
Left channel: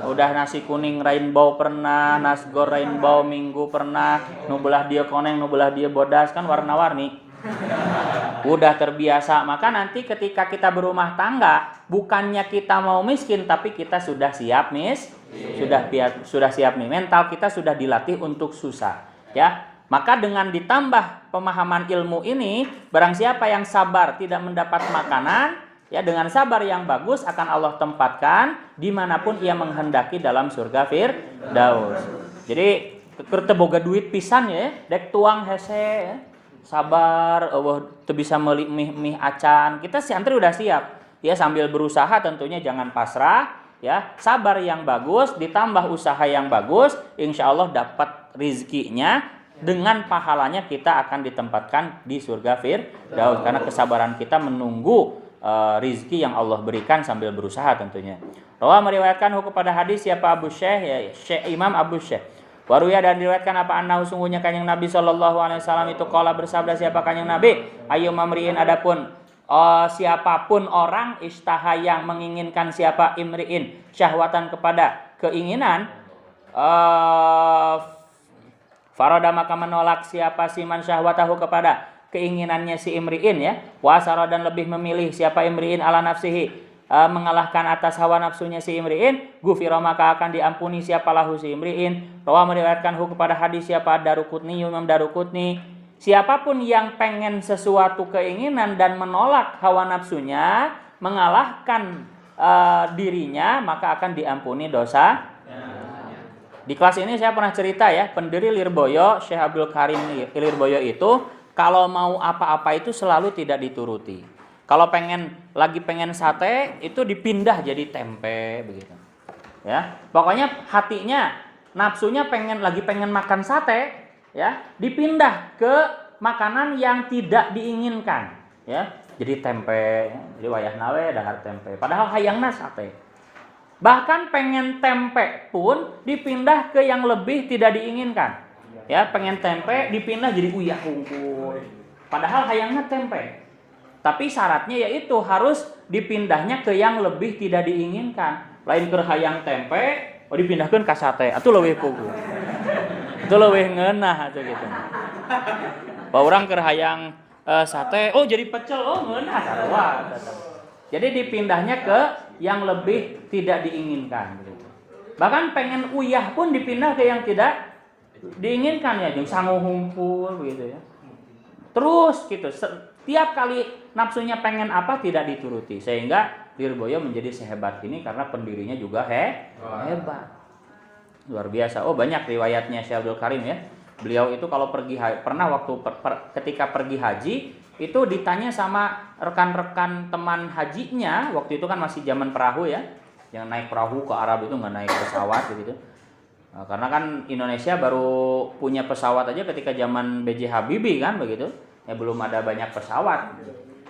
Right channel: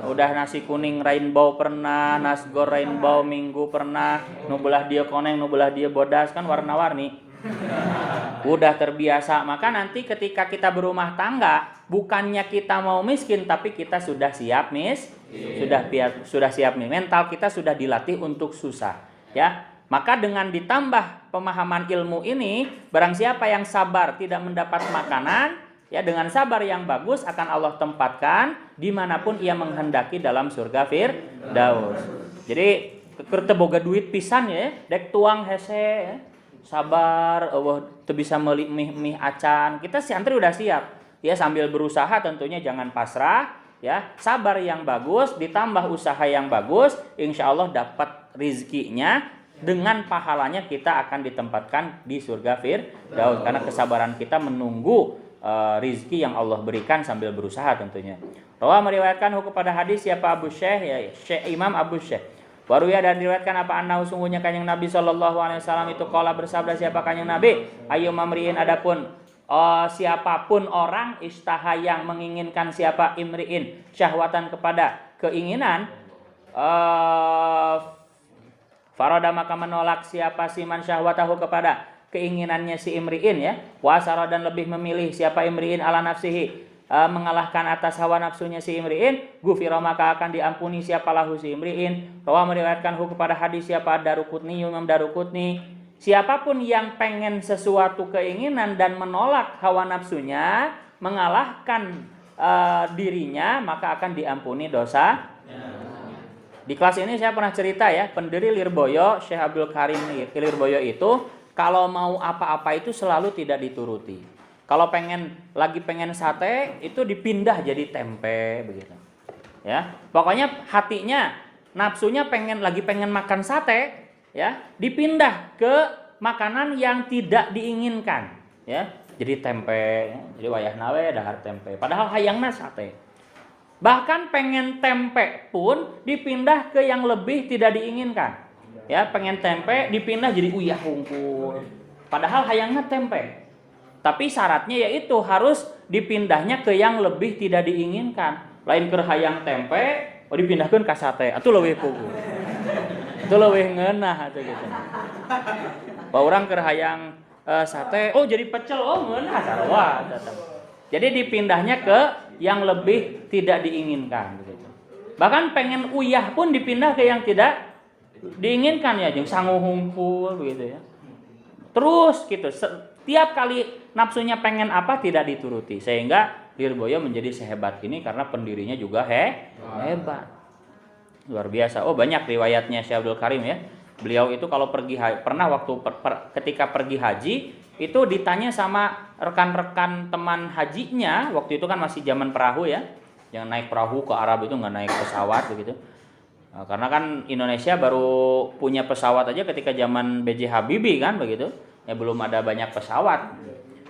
Udah nasi kuning rainbow pernah, nasgor rainbow minggu pernah, nu belah dia koneng, nu belah dia bodas, kan warna-warni. Udah terbiasa, maka nanti ketika kita berumah tangga, bukannya kita mau miskin, tapi kita sudah siap sudah siap nih, mental kita sudah dilatih untuk susah, ya. Maka dengan ditambah pemahaman ilmu ini, barang siapa yang sabar tidak mendapat makanan, ya, dengan sabar yang bagus akan Allah tempatkan dimanapun ia menghendaki dalam surga Firdaus. Jadi keur teu boga duit pisan ya, dek tuang hese ya. Sabar, Allah teu bisa meuli mih acan. Kita santri udah siap. Ya, sambil berusaha tentunya jangan pasrah, ya. Sabar yang bagus ditambah usaha yang bagus, insya Allah dapat rizkinya, dengan pahalanya kita akan ditempatkan di surga Firdaus karena kesabaran kita menunggu rizki yang Allah berikan sambil berusaha tentunya. Rawah meriwayatkan kepada hadis siapa Abu Syekh, ya Syekh Imam Abu Syekh. Waruya dan diriwayatkan apa annahu sungguhnya kanjeng Nabi sallallahu alaihi wasallam itu qala bersabda siapa kanjeng Nabi, ayu mamriin adapun siapapun orang istaha yang menginginkan siapa imriin syahwatan kepada keinginan farada maka menolak siapa siman syahwatahu kepada keinginannya si imriin, ya. Wasara dan lebih memilih siapa imriin ala nafsihi mengalahkan atas hawa nafsunya si imriin, gufira maka akan diampuni siapa lahu si imriin. Rawa meriwayatkan kepada hadis siapa Daruqutni, Imam Daruqutni, siapapun yang pengen sesuatu keinginan dan menolak hawa nafsunya, mengalahkan dirinya, maka akan diampuni dosa. Di kelas ini saya pernah cerita ya, pendiri Lirboyo, Syekh Abdul Karim Lirboyo itu kalau mau apa-apa itu selalu tidak dituruti. Kalau lagi pengen sate itu dipindah jadi tempe begitu. Ya, pokoknya hatinya, nafsunya lagi pengen makan sate, ya, dipindah ke makanan yang tidak diinginkan, ya. Jadi tempe, jadi wayah nawe dahar tempe. Padahal hayangna sate. Bahkan pengen tempe pun dipindah ke yang lebih tidak diinginkan. Ya, pengen tempe dipindah jadi uyah hungkul. Padahal hayangnya tempe. Tapi syaratnya yaitu harus dipindahnya ke yang lebih tidak diinginkan. Lain keur hayang tempe, dipindahkeun ka sate. Atuh leuwih puguh. Itu leuwih ngeunah atuh gitu. Baurang keur hayang sate, jadi pecel, ngeunah sarua. Jadi dipindahnya ke yang lebih tidak diinginkan begitu. Bahkan pengen uyah pun dipindah ke yang tidak diinginkan, ya, jeung sangu hungkul begitu ya. Terus gitu, setiap kali nafsunya pengen apa tidak dituruti, sehingga Lirboyo menjadi sehebat ini karena pendirinya juga hebat. Luar biasa. Banyak riwayatnya Syekh Abdul Karim ya. Beliau itu kalau pergi pernah waktu ketika pergi haji itu ditanya sama rekan-rekan teman hajinya, waktu itu kan masih zaman perahu ya, yang naik perahu ke Arab itu nggak naik pesawat begitu. Karena kan Indonesia baru punya pesawat aja ketika zaman B.J. Habibie kan begitu, ya belum ada banyak pesawat,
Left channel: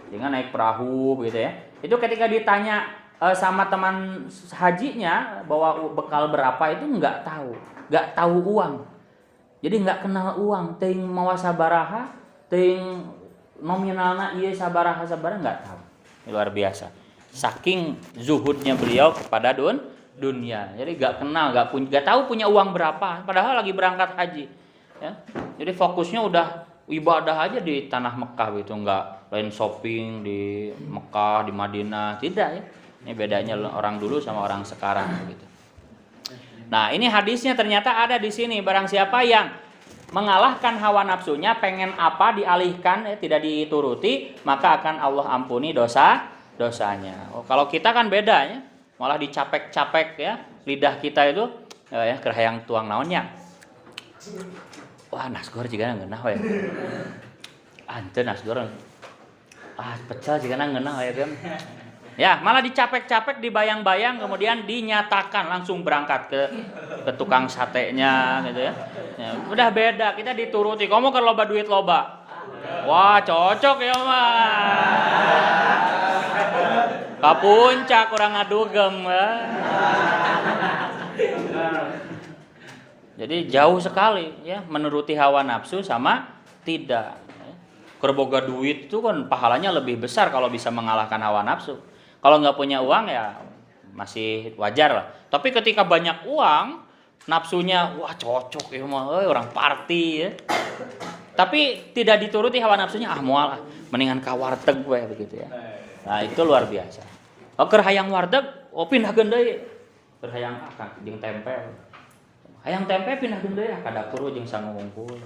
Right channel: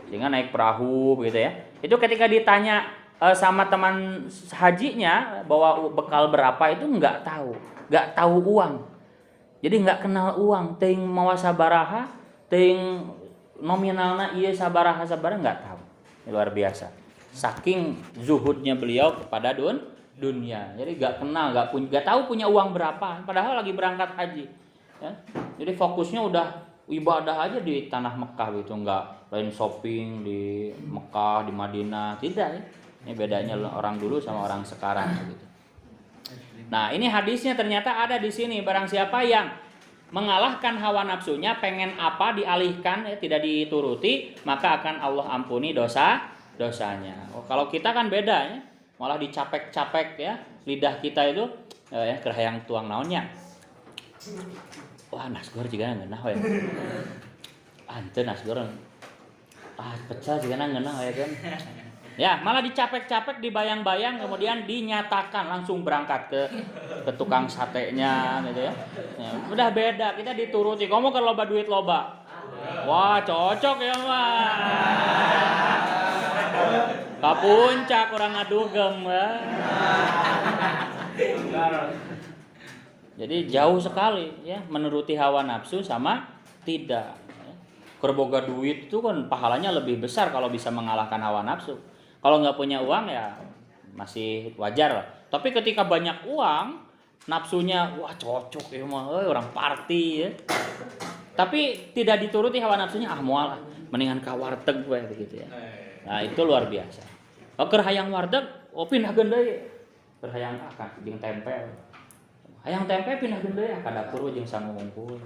sehingga naik perahu begitu ya. Itu ketika ditanya sama teman hajinya bawa bekal berapa itu nggak tahu uang, jadi nggak kenal uang, ting mawa sabaraha, ting nominalna iya sabaraha nggak tahu. Luar biasa, saking zuhudnya beliau kepada dunia, jadi nggak tahu punya uang berapa, padahal lagi berangkat haji, ya. Jadi fokusnya udah ibadah aja di tanah Mekah gitu, nggak lain shopping di Mekah, di Madinah, tidak ya. Ini bedanya orang dulu sama orang sekarang gitu. Nah, ini hadisnya ternyata ada di sini, barang siapa yang mengalahkan hawa nafsunya, pengen apa dialihkan, tidak dituruti, maka akan Allah ampuni dosanya. Kalau kita kan beda ya. Malah dicapek-capek ya, lidah kita itu ya kerhayang tuang naonnya. Wah, nasgor jigana ngeunah we. Anteu nasgor. Pecel jigana ngeunah we kan. Ya, malah dicapek-capek, dibayang-bayang, kemudian dinyatakan langsung berangkat ke tukang satenya gitu ya. Ya, udah beda, kita dituruti. Kamu kan loba duit loba. Wah, cocok ya mah. Ka puncak kurang ngadugem. Jadi jauh sekali ya menuruti hawa nafsu sama tidak. Kerboga duit itu kan pahalanya lebih besar kalau bisa mengalahkan hawa nafsu. Kalau nggak punya uang ya masih wajar lah. Tapi ketika banyak uang, nafsunya wah cocok ya mah, orang party ya. Tapi tidak dituruti hawa nafsunya, moal mendingan ka warteg we begitu ya. Nah, itu luar biasa. Keur hayang warteg, pindahkeun deui. Keur hayang akan jeung tempe. Hayang tempe pindahkeun deui ka dapur jeung sangu ngungkul.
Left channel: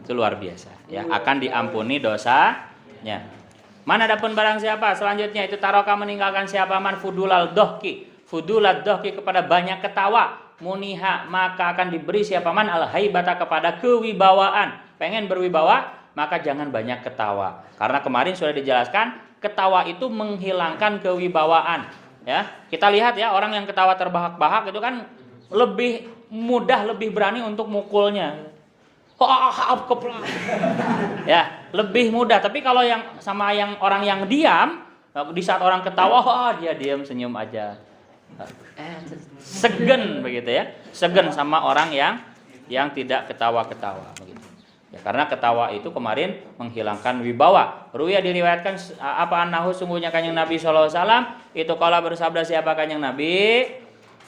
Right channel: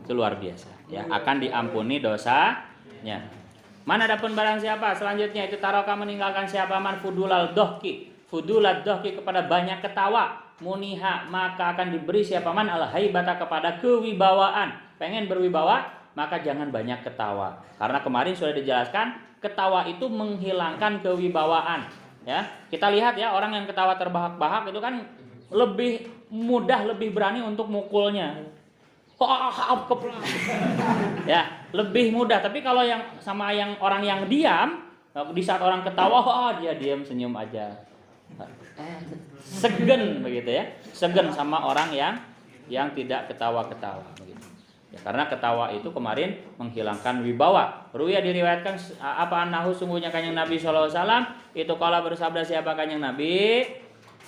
Itu luar biasa ya, akan diampuni dosanya. Mana adapun barang siapa selanjutnya itu taroka meninggalkan siapa man fudulal dohki kepada banyak ketawa, muniha maka akan diberi siapa man al haibata kepada kewibawaan. Pengen berwibawa maka jangan banyak ketawa, karena kemarin sudah dijelaskan ketawa itu menghilangkan kewibawaan ya. Kita lihat ya, orang yang ketawa terbahak-bahak itu kan lebih mudah, lebih berani untuk mukulnya. Ya, lebih mudah. Tapi kalau yang sama yang orang yang diam, di saat orang ketawa, dia diam senyum aja. Segen begitu ya. Segen sama orang yang tidak ketawa-ketawa begitu. Ya, karena ketawa itu kemarin menghilangkan wibawa. Ruya diriwayatkan apa annahu sungguhnya Kanjeng Nabi sallallahu alaihi wasallam itu kala bersabda siapa Kanjeng Nabi,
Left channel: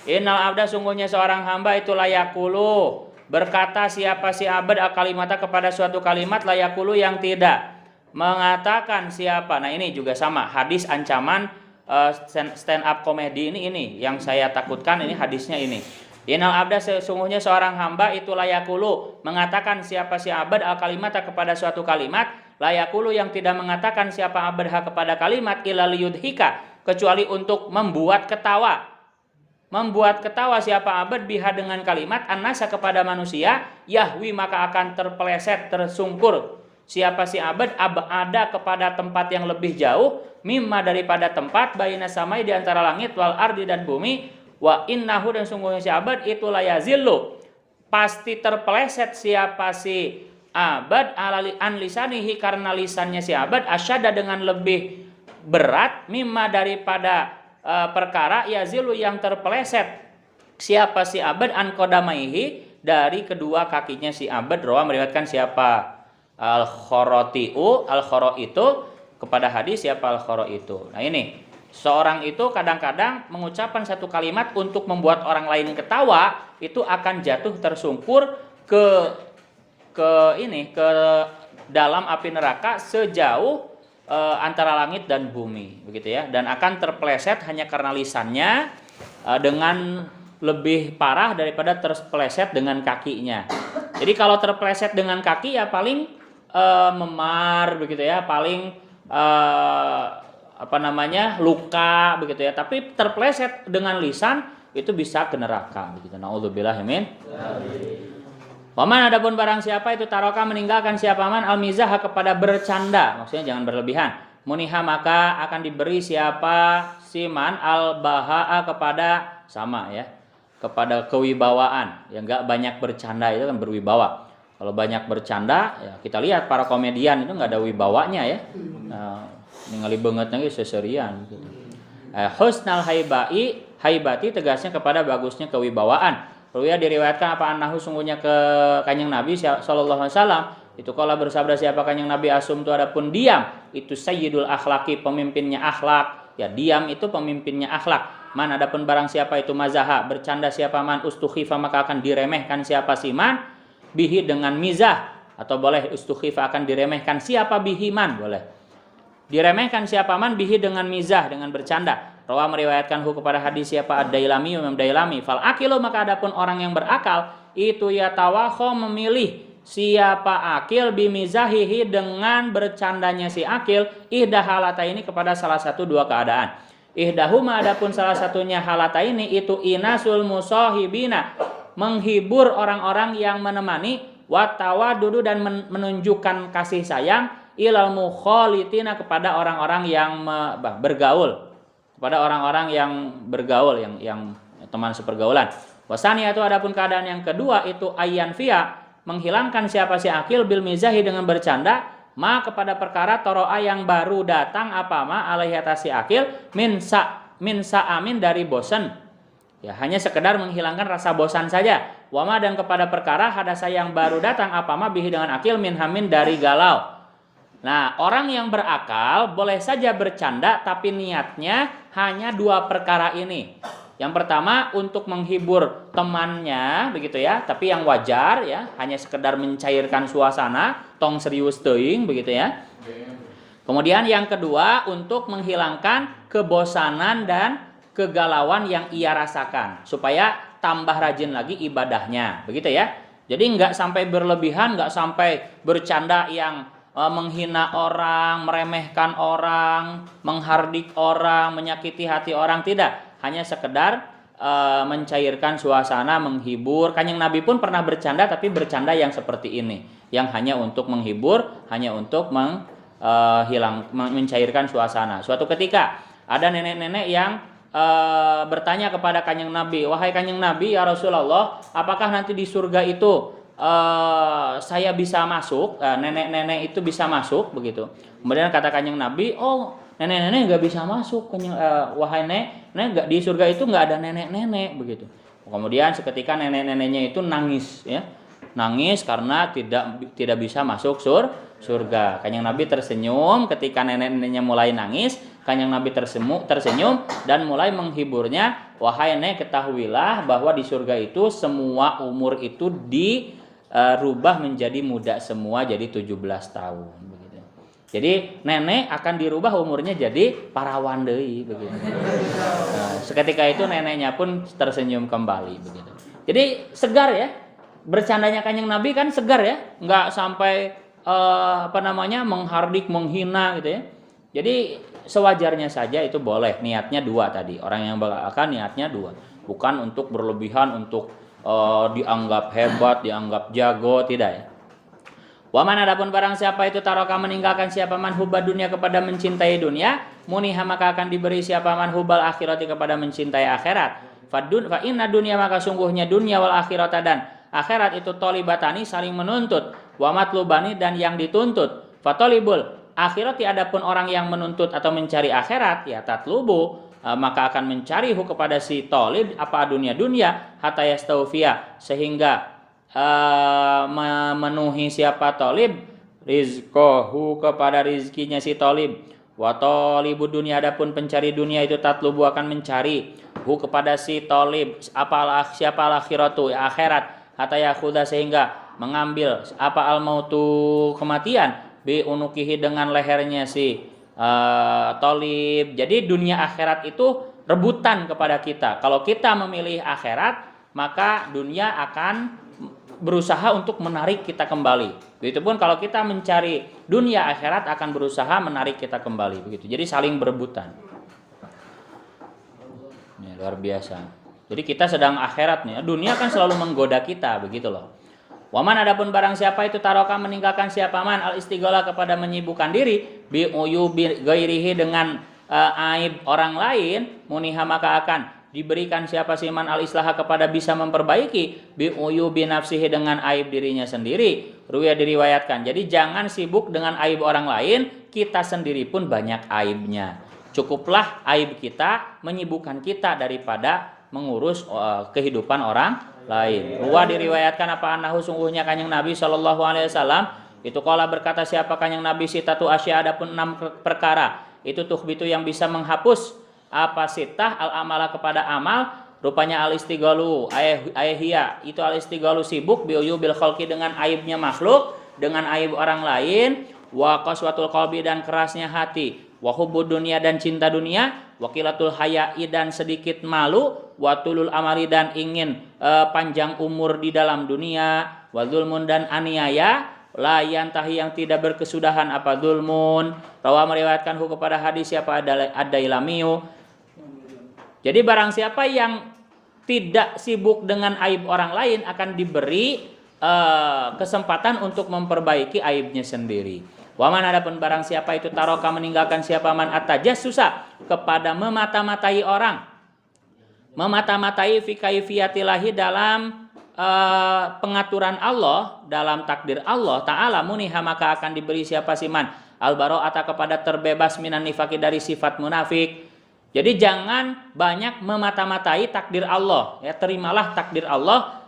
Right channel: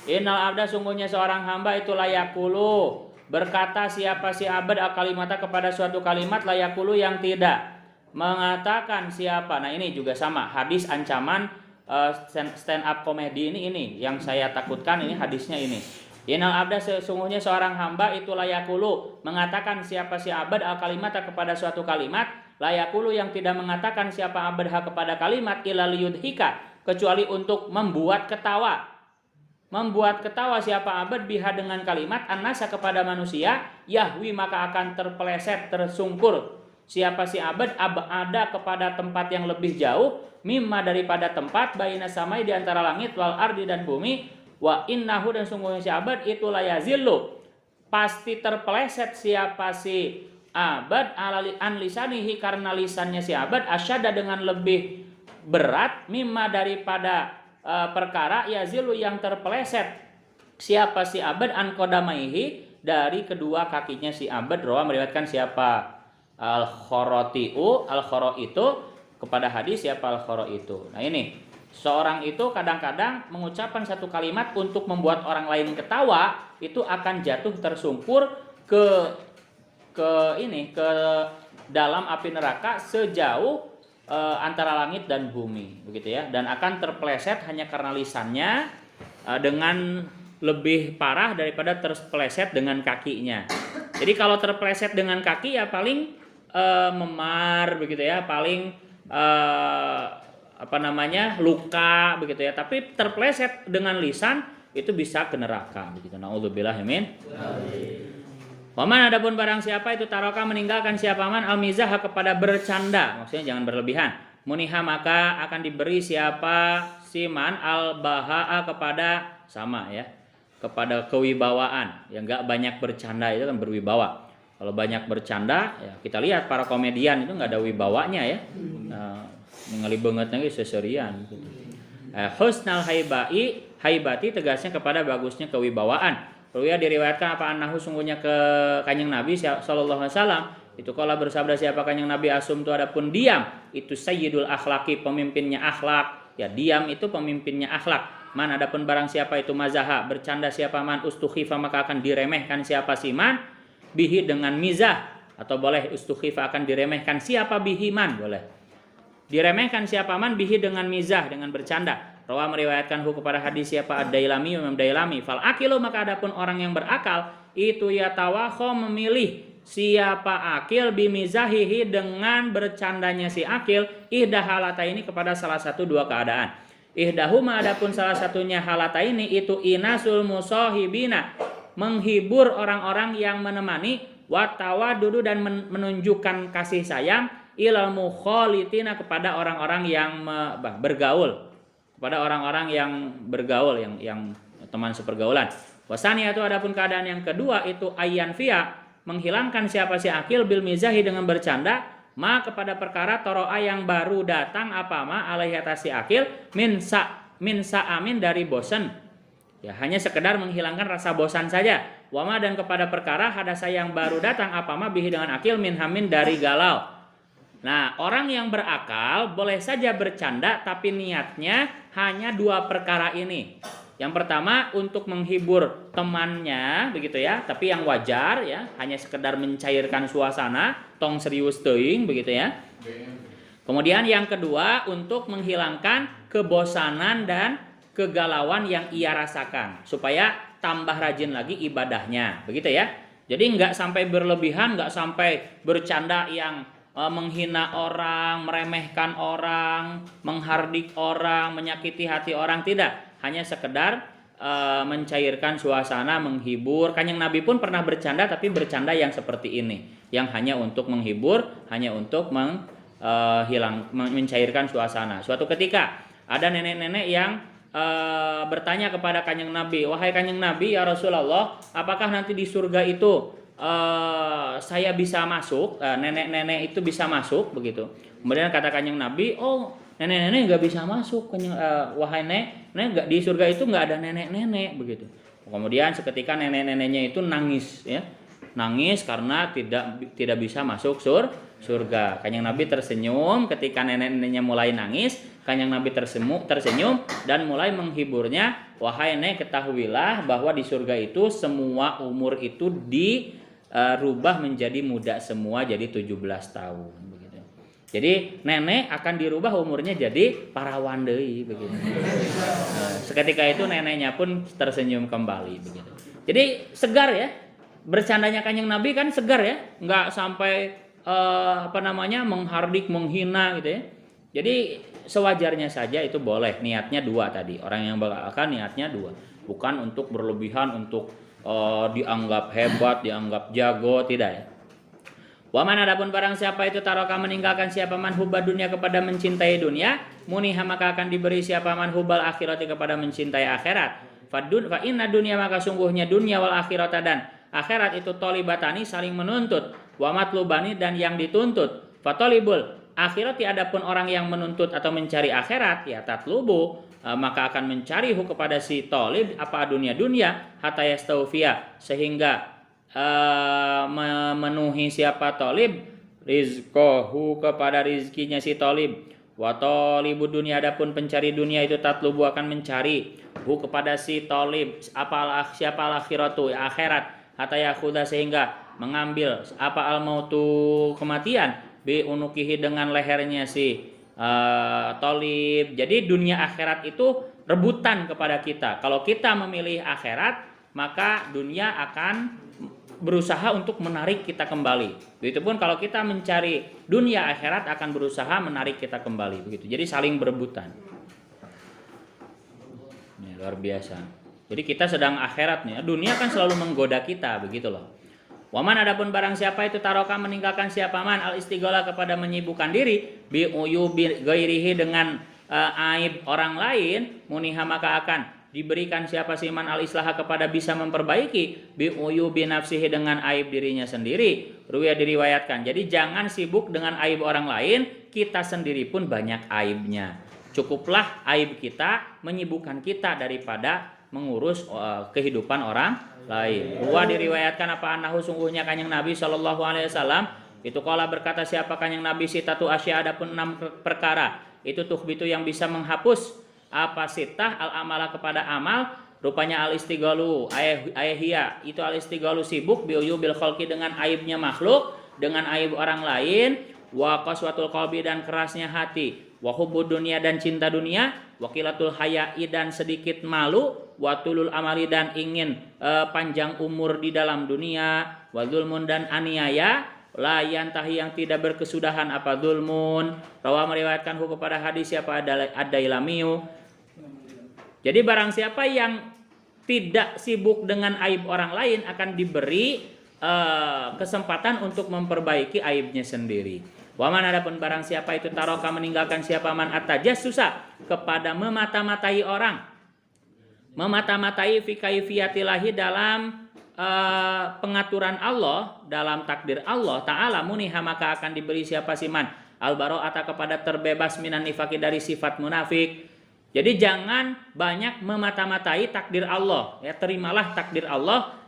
innal abda sungguhnya seorang hamba itu layakulu berkata siapa si abad al-kalimata kepada suatu kalimat layakulu yang tidak mengatakan siapa. Nah ini juga sama hadis ancaman stand up komedi ini yang saya takutkan ini hadisnya ini. Innal abda sesungguhnya seorang hamba itu layakulu mengatakan siapa si abad al-kalimata kepada suatu kalimat layakulu yang tidak mengatakan siapa abadha kepada kalimat illa liyudhika kecuali untuk membuat ketawa. Membuat ketawa siapa abad biha dengan kalimat annasa kepada manusia yahwi maka akan terpeleset tersungkur siapa si abad ada kepada tempat yang lebih jauh mimma daripada tempat baina samai di antara langit wal ardi dan bumi wa innahu dan sungguhnya si abad itu layazillu pasti terpeleset siapa si abad an lisanihi karena lisannya si abad asyada dengan lebih berat mimma daripada perkara yazilu yang terpeleset siapa si abad an qadamaihi dari kedua kakinya si abad. Rawi meriwayatkan siapa al-khorotiu itu kepada hadis siapa al-khoro itu. Nah ini seorang itu kadang-kadang mengucapkan satu kalimat untuk membuat orang lain ketawa itu akan jatuh tersungkur ke dalam api neraka sejauh antara langit dan bumi begitu ya, dan akan terpeleset hanya karena lisannya dengan lebih parah daripada terpeleset dengan kakinya. Jadi kalau terpeleset dengan kaki ya paling memar begitu ya, paling luka begitu ya, tapi terpeleset dengan lisan itu bisa ke neraka begitu. Naudzubillah min. Waman adapun barang siapa itu taroka meninggalkan siapa man al-mizah kepada bercanda, maksudnya jangan berlebihan. Muniha maka akan diberi siapa siman al-bahaa kepada sama ya, kepada kewibawaan. Yang enggak banyak bercanda itu kan berwibawa. Kalau banyak bercanda ya kita lihat para komedian itu enggak ada wibawanya ya. Ningali beungeutna ge seserian gitu. Husnal haibati tegasnya kepada bagusnya kewibawaan. Ruya diriwayatkan apa annahu sungguhnya ke Kanjeng Nabi sallallahu alaihi wasallam itu kala bersabda siapa Kanjeng Nabi asum itu adapun diam itu sayyidul akhlaki pemimpinnya akhlak ya, diam itu pemimpinnya akhlak. Man adapun barang siapa itu mazaha bercanda siapa man ustukhifa maka akan diremehkan siapa si man bihi dengan mizah, atau boleh ustukhifa akan diremehkan siapa bihi man, boleh diremehkan siapa man bihi dengan mizah dengan bercanda. Rawa meriwayatkan kepada hadis siapa ad-Dailami Imam Dailami fal akilu maka adapun orang yang berakal itu ya tawakho memilih siapa akil bimizahihi dengan bercandanya si akil ihda halata ini kepada salah satu dua keadaan. Ihdahuma adapun salah satunya halata ini itu inasul musahibina menghibur orang-orang yang menemani watawadudu dan menunjukkan kasih sayang ilal mukhalitina kepada orang-orang yang bergaul, kepada orang-orang yang bergaul yang teman sepergaulan. Wasani itu adapun keadaan yang kedua itu ayyan fiya menghilangkan siapa si akil bil mizahi dengan bercanda ma kepada perkara toroa yang baru datang apa ma alaihi atas si akil min amin dari bosan. Ya, hanya sekedar menghilangkan rasa bosan saja. Wama dan kepada perkara hadasa yang baru datang apa ma bihi dengan akil min hamin dari galau. Nah, orang yang berakal boleh saja bercanda tapi niatnya hanya dua perkara ini. Yang pertama untuk menghibur temannya begitu ya, tapi yang wajar ya, hanya sekedar mencairkan suasana, tong serius teuing begitu ya. Kemudian yang kedua untuk menghilangkan kebosanan dan kegalauan yang ia rasakan supaya tambah rajin lagi ibadahnya, begitu ya. Jadi nggak sampai berlebihan, nggak sampai bercanda yang menghina orang, meremehkan orang, menghardik orang, menyakiti hati orang, tidak. Hanya sekedar mencairkan suasana, menghibur. Kanjeng Nabi pun pernah bercanda, tapi bercanda yang seperti ini, yang hanya untuk menghibur, hanya untuk mencairkan suasana. Suatu ketika ada nenek-nenek yang bertanya kepada Kanjeng Nabi, wahai Kanjeng Nabi ya Rasulullah, apakah nanti di surga itu saya bisa masuk, nenek-nenek itu bisa masuk begitu. Kemudian kata Kanjeng Nabi, oh nenek-nenek nggak bisa masuk, wahai nenek di surga itu nggak ada nenek-nenek begitu. Kemudian seketika nenek-neneknya itu nangis ya, nangis karena tidak bisa masuk surga. Kanjeng Nabi tersenyum ketika nenek-neneknya mulai nangis. Kanjeng Nabi tersenyum dan mulai menghiburnya, wahai nek ketahuilah bahwa di surga itu semua umur itu dirubah menjadi muda semua, jadi 17 tahun begitu. Jadi nenek akan dirubah umurnya jadi parawan deui begitu. Seketika itu neneknya pun tersenyum kembali begitu. Jadi segar ya. Bercandanya Kanjeng Nabi kan segar ya, enggak sampai menghardik, menghina gitu ya. Jadi sewajarnya saja itu boleh, niatnya dua tadi. Orang yang berakal niatnya dua, bukan untuk berlebihan, untuk dianggap hebat, dianggap jago, tidak ya. Waman adapun barang siapa itu taroka meninggalkan siapa man hubba dunia kepada mencintai dunia, muniha maka akan diberi siapa man hubbal akhirati kepada mencintai akhirat. Fa inna dunia maka sungguhnya dunia wal akhirata dan akhirat itu tolibatani saling menuntut, wa matlubani dan yang dituntut. Fatolibul akhirati adapun orang yang menuntut atau mencari akhirat ya tatlubu maka akan mencari kepada si tolib apa dunia hatta yastaufia sehingga memenuhi siapa tolib rizqahu kepada rizkinya si tolib. Wa tolibu dunia adapun pencari dunia itu tatlubu akan mencari kepada si tolib siapa akhiratu ya akhirat hatta yakhuda sehingga mengambil apa al mautu kematian bi unukihi dengan lehernya si tolib. Jadi dunia akhirat itu rebutan kepada kita. Kalau kita memilih akhirat, maka dunia akan berusaha untuk menarik kita kembali. Begitupun kalau kita mencari dunia, akhirat akan berusaha menarik kita kembali. Begitu. Jadi saling berebutan. Ini luar biasa. Jadi kita sedang akhirat nih. Dunia kan selalu menggoda kita, begitu loh. Waman adapun barang siapa itu taroka meninggalkan siapa man al istighala kepada menyibukkan diri bi uyubi ghairihi dengan aib orang lain, muniha maka akan diberikan siapa siman al islaha kepada bisa memperbaiki bi uyubi nafsihi dengan aib dirinya sendiri. Ruya diriwayatkan. Jadi jangan sibuk dengan aib orang lain, kita sendiri pun banyak aibnya. Cukuplah aib kita menyibukkan kita daripada mengurus kehidupan orang lain. Ruwa diriwayatkan apa anahu sungguhnya Kanjeng Nabi sallallahu alaihi wasallam itu qala berkata siapa Kanjeng Nabi sitatu asya adapun 6 perkara itu tuhbitu yang bisa menghapus apa sitah al amala kepada amal rupanya al istighalu ayhia itu al istighalu sibuk biuyu bil khalqi dengan aibnya makhluk, dengan aib orang lain, wa qaswatul qalbi dan kerasnya hati, wa hubbud dunia dan cinta dunia, wa qilatul haya'i dan sedikit malu, wa tulul amali dan ingin panjang umur di dalam dunia, wa zulmun dan aniaya, la yantahi yang tidak berkesudahan apa zulmun. Rawa meriwayatkan kepada hadis siapa ad-Dailamiyu. Jadi barang siapa yang tidak sibuk dengan aib orang lain akan diberi kesempatan untuk memperbaiki aibnya sendiri. Waman adapun barang siapa itu taroka meninggalkan siapa man atajassusa kepada memata-matai orang, memata-matai fi kaifiyatillahi dalam pengaturan Allah, dalam takdir Allah Ta'ala, muniha maka akan diberi siapa siman al-bara'ata kepada terbebas minan nifaki dari sifat munafik. Jadi jangan banyak memata-matai takdir Allah ya, terimalah takdir Allah.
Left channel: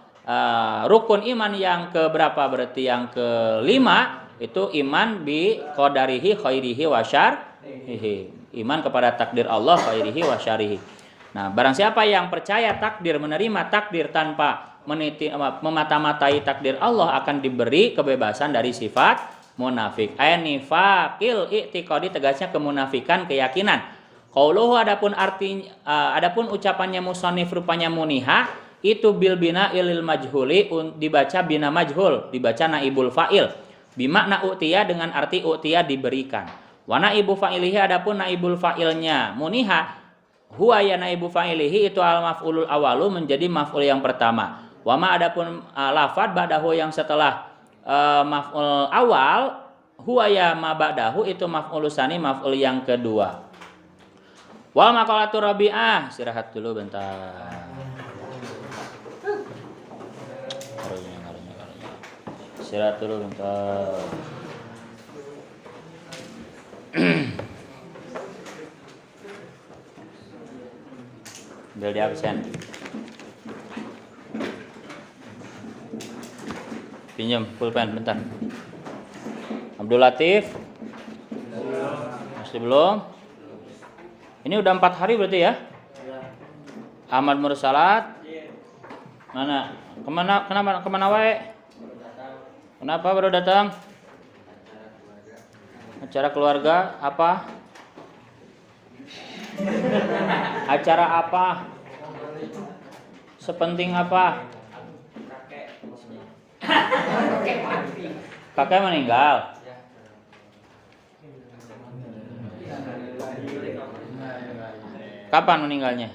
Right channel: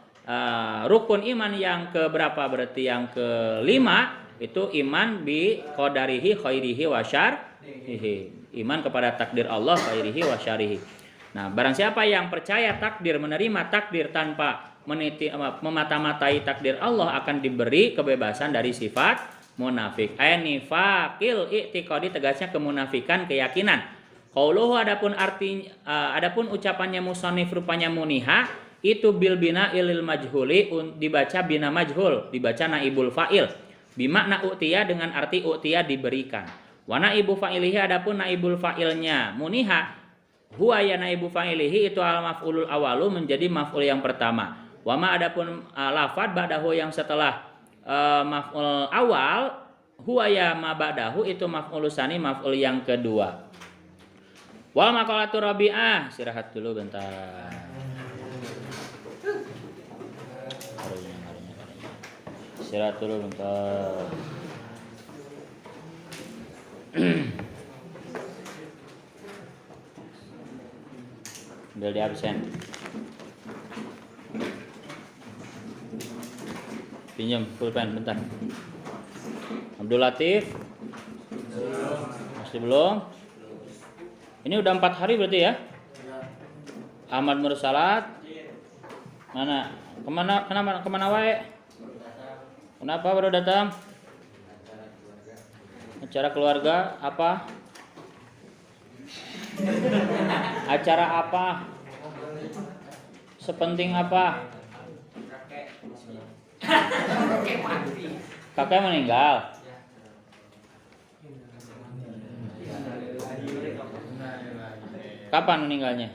Rukun iman yang keberapa berarti yang kelima itu iman bi qadarihi khairihi wa syarrihi, iman kepada takdir Allah khairihi wa syarrihi. Nah, barang siapa yang percaya takdir, menerima takdir tanpa memata-matai takdir Allah, akan diberi kebebasan dari sifat munafik. Nifaqil i'tiqadi, tegasnya kemunafikan keyakinan. Qauluhu adapun ucapannya musannif rupanya muniha itu bil bina ilil majhuli, dibaca bina majhul, dibaca naibul fa'il. Bimakna u'tiya dengan arti u'tiya diberikan. Wa naibu fa'ilihi adapun naibul fa'ilnya muniha huwa ya naibu fa'ilihi itu al maf'ulul awalu, menjadi maf'ul yang pertama. Wama adapun lafad ba'dahu yang setelah maf'ul awal, huwa ya ma ba'dahu itu maf'ul tsani, maf'ul yang kedua. Wal maqalatu rabi'ah, istirahat dulu bentar. Istirahat dulu bentar. Udah di absen. Pinjam pulpen bentar. Abdul Latif masih belum. Ini udah 4 hari berarti ya? Ahmad Mursalat mana? Kemana wae? Kenapa baru datang? Acara keluarga apa? Acara apa? Sepenting apa? Kakek meninggal. Kapan meninggalnya?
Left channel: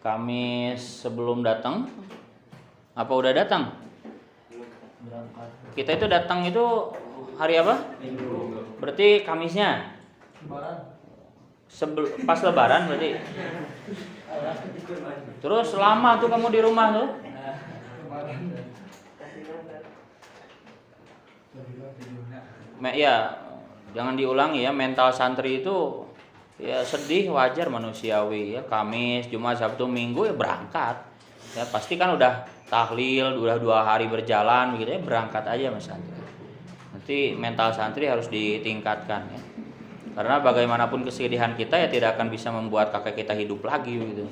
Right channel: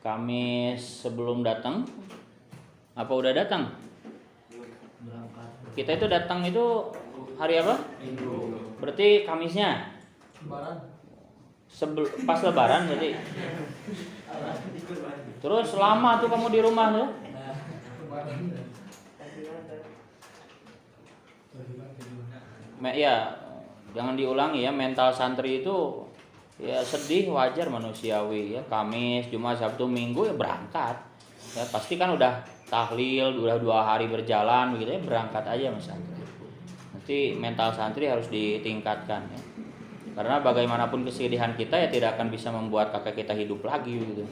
Kamis sebelum datang? Apa udah datang? Kita itu datang itu hari apa? Berarti Kamisnya? Pas Lebaran berarti. Terus lama tuh kamu di rumah tuh? Ya, jangan diulangi ya, mental santri itu ya sedih, wajar, manusiawi ya. Kamis, Jumat, Sabtu, Minggu ya berangkat. Ya pasti kan udah tahlil, udah 2 hari berjalan begitu ya, berangkat aja mas santri. Nanti mental santri harus ditingkatkan ya. Karena bagaimanapun kesedihan kita ya tidak akan bisa membuat kakek kita hidup lagi begitu.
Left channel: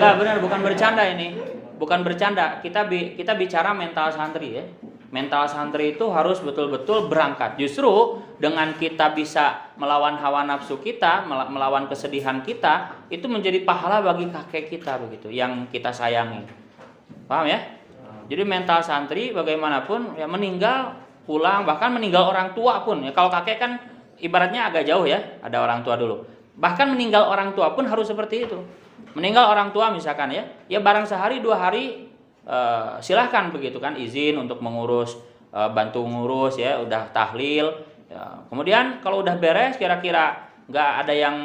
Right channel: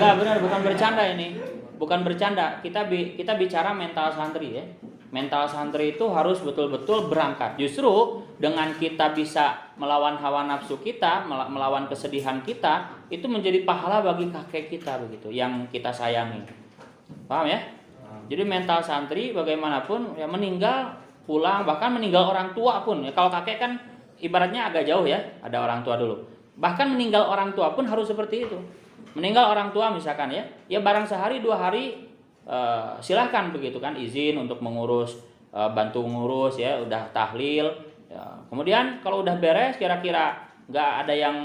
Enggak, benar, bukan bercanda ini. Bukan bercanda. Kita bicara mental santri ya. Mental santri itu harus betul-betul berangkat. Justru dengan kita bisa melawan hawa nafsu kita, melawan kesedihan kita, itu menjadi pahala bagi kakek kita begitu, yang kita sayangi. Paham ya? Jadi mental santri bagaimanapun ya, meninggal, pulang, bahkan meninggal orang tua pun ya. Kalau kakek kan ibaratnya agak jauh ya, ada orang tua dulu. Bahkan meninggal orang tua pun harus seperti itu. Meninggal orang tua misalkan ya barang sehari 2 hari silahkan begitu kan, izin untuk mengurus, bantu ngurus ya, udah tahlil. Ya. Kemudian kalau udah beres, kira-kira nggak ada yang